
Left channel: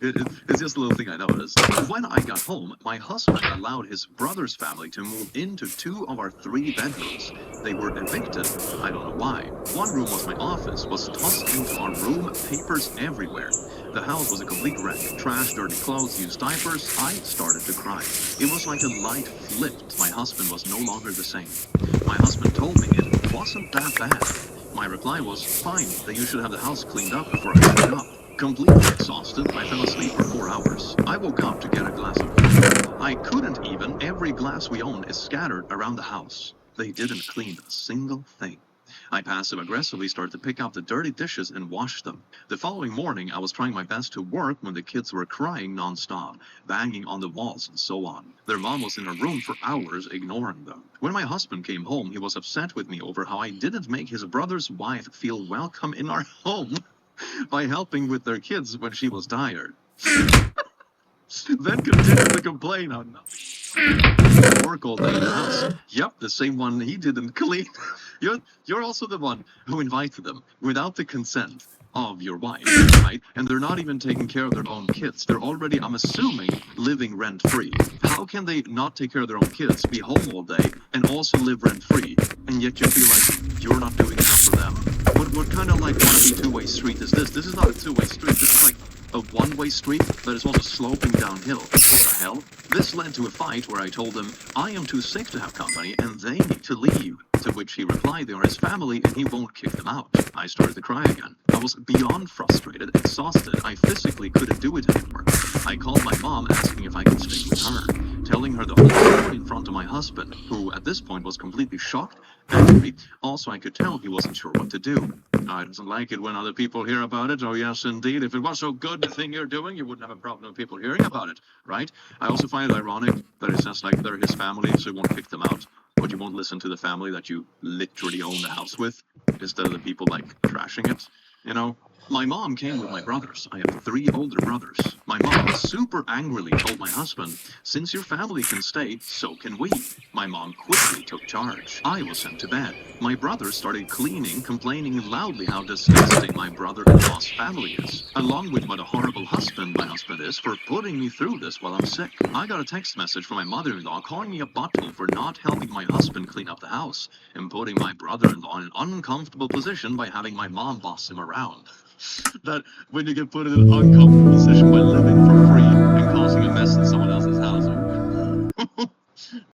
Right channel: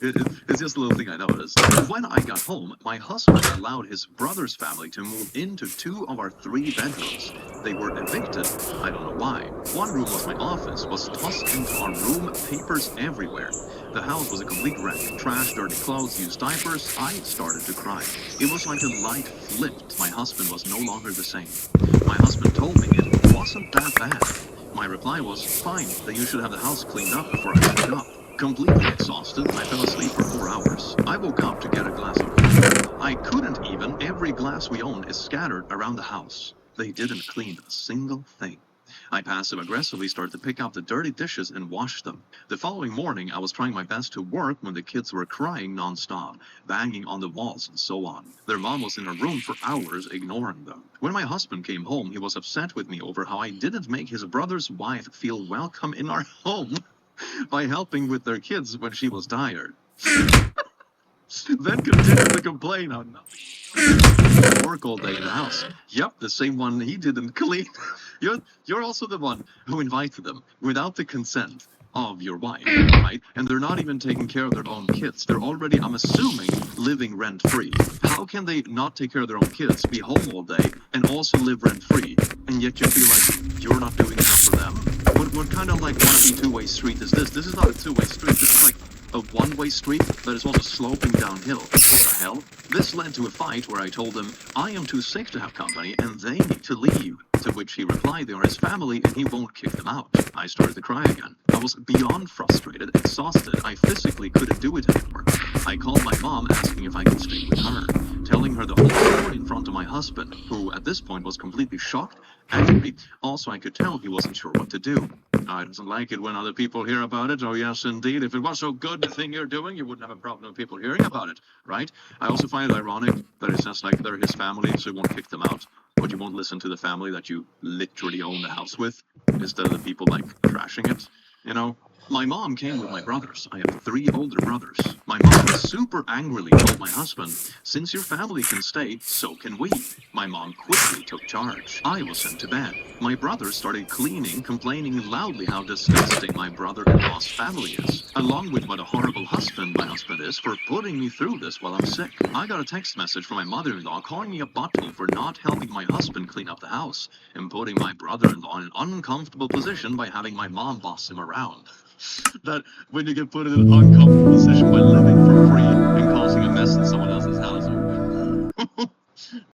It's just a little thing I noticed. When I got home, my husband allowed his brother's family to move into 2 of our 3 bedrooms. They were evicted. I don't know why. One room was my office, was tossed into our room, papers everywhere. The house was a complete wreck. Trash, dirty clothes, used diapers. I started to cry. It was like a light flipped. My husband was no longer the same. My husband told me it wasn't that bad. My reply was, fine, then you should have the house cleaned up before I wake up. Completely exhausted, I fell asleep for 4 hours. I woke up to get a glass of water. I couldn't even. Every glass we own is scattered around the house. They didn't clean a single thing. I passive-aggressively started to pick up the dirty dishes and wash them. The following morning, I was trying my best to work when the kids were crying non-stop, banging on the walls and so on. Their mom was in her room for hours, ignoring them. When my husband came home, he was upset with me over how I didn't make his brother's wife feel welcome in our home by helping with their kids when she was tired. Then continued to complain on nothing. Work all day in the house. Yep, the same one he didn't clean. You're also the one who invited them without the consent of your wife, right? And they're not even taking care of their own kids. They're already, I'm assuming, living rent-free. How can they not take care of their own kids, be home all day, and also live rent-free, and yet you feel like you're not doing enough for them? What kind of wannabe two-way street is this? This is not a two-way street. This is a one-way street that is also sloping downhill. What the hell? This led to a fight where I told him, I am too sick to have company and they need to leave. To which he replied they are his family and he won't kick them out. I started to cry again. I was beyond frustrated, exhausted. I physically couldn't do it anymore. I called my mom asking if I could stay with her, telling her the whole story in front of my husband, who at this point was completely shocked, angry. Also, I could tell he wasn't sure what to do. I doesn't like it when other people hear about it. Oh, yes, indeed. If it was so good, the thing you're doing, you wouldn't have a problem with people hearing about it, right? I also find it ironic that it says they're his family, so you won't kick them out. But you won't listen to the family that you literally own the house with, instead of the people trashing it, My mom came with my brothers. I have 3 older brothers. My mom super angrily told my husband, since your family can stay, so can we. My mom quickly took charge. I was sent to bed. My brothers started cleaning, complaining loudly how disgusting my brother-in-law's family is, along with what a horrible husband my husband is for putting me through this while I'm sick. I got a text message from my mother-in-law calling me a butthole for not helping my husband clean up the house and putting my brother-in-law in an uncomfortable position by having my mom boss him around. That when you get put in an uncomfortable position by living for free and causing a mess in someone else's house.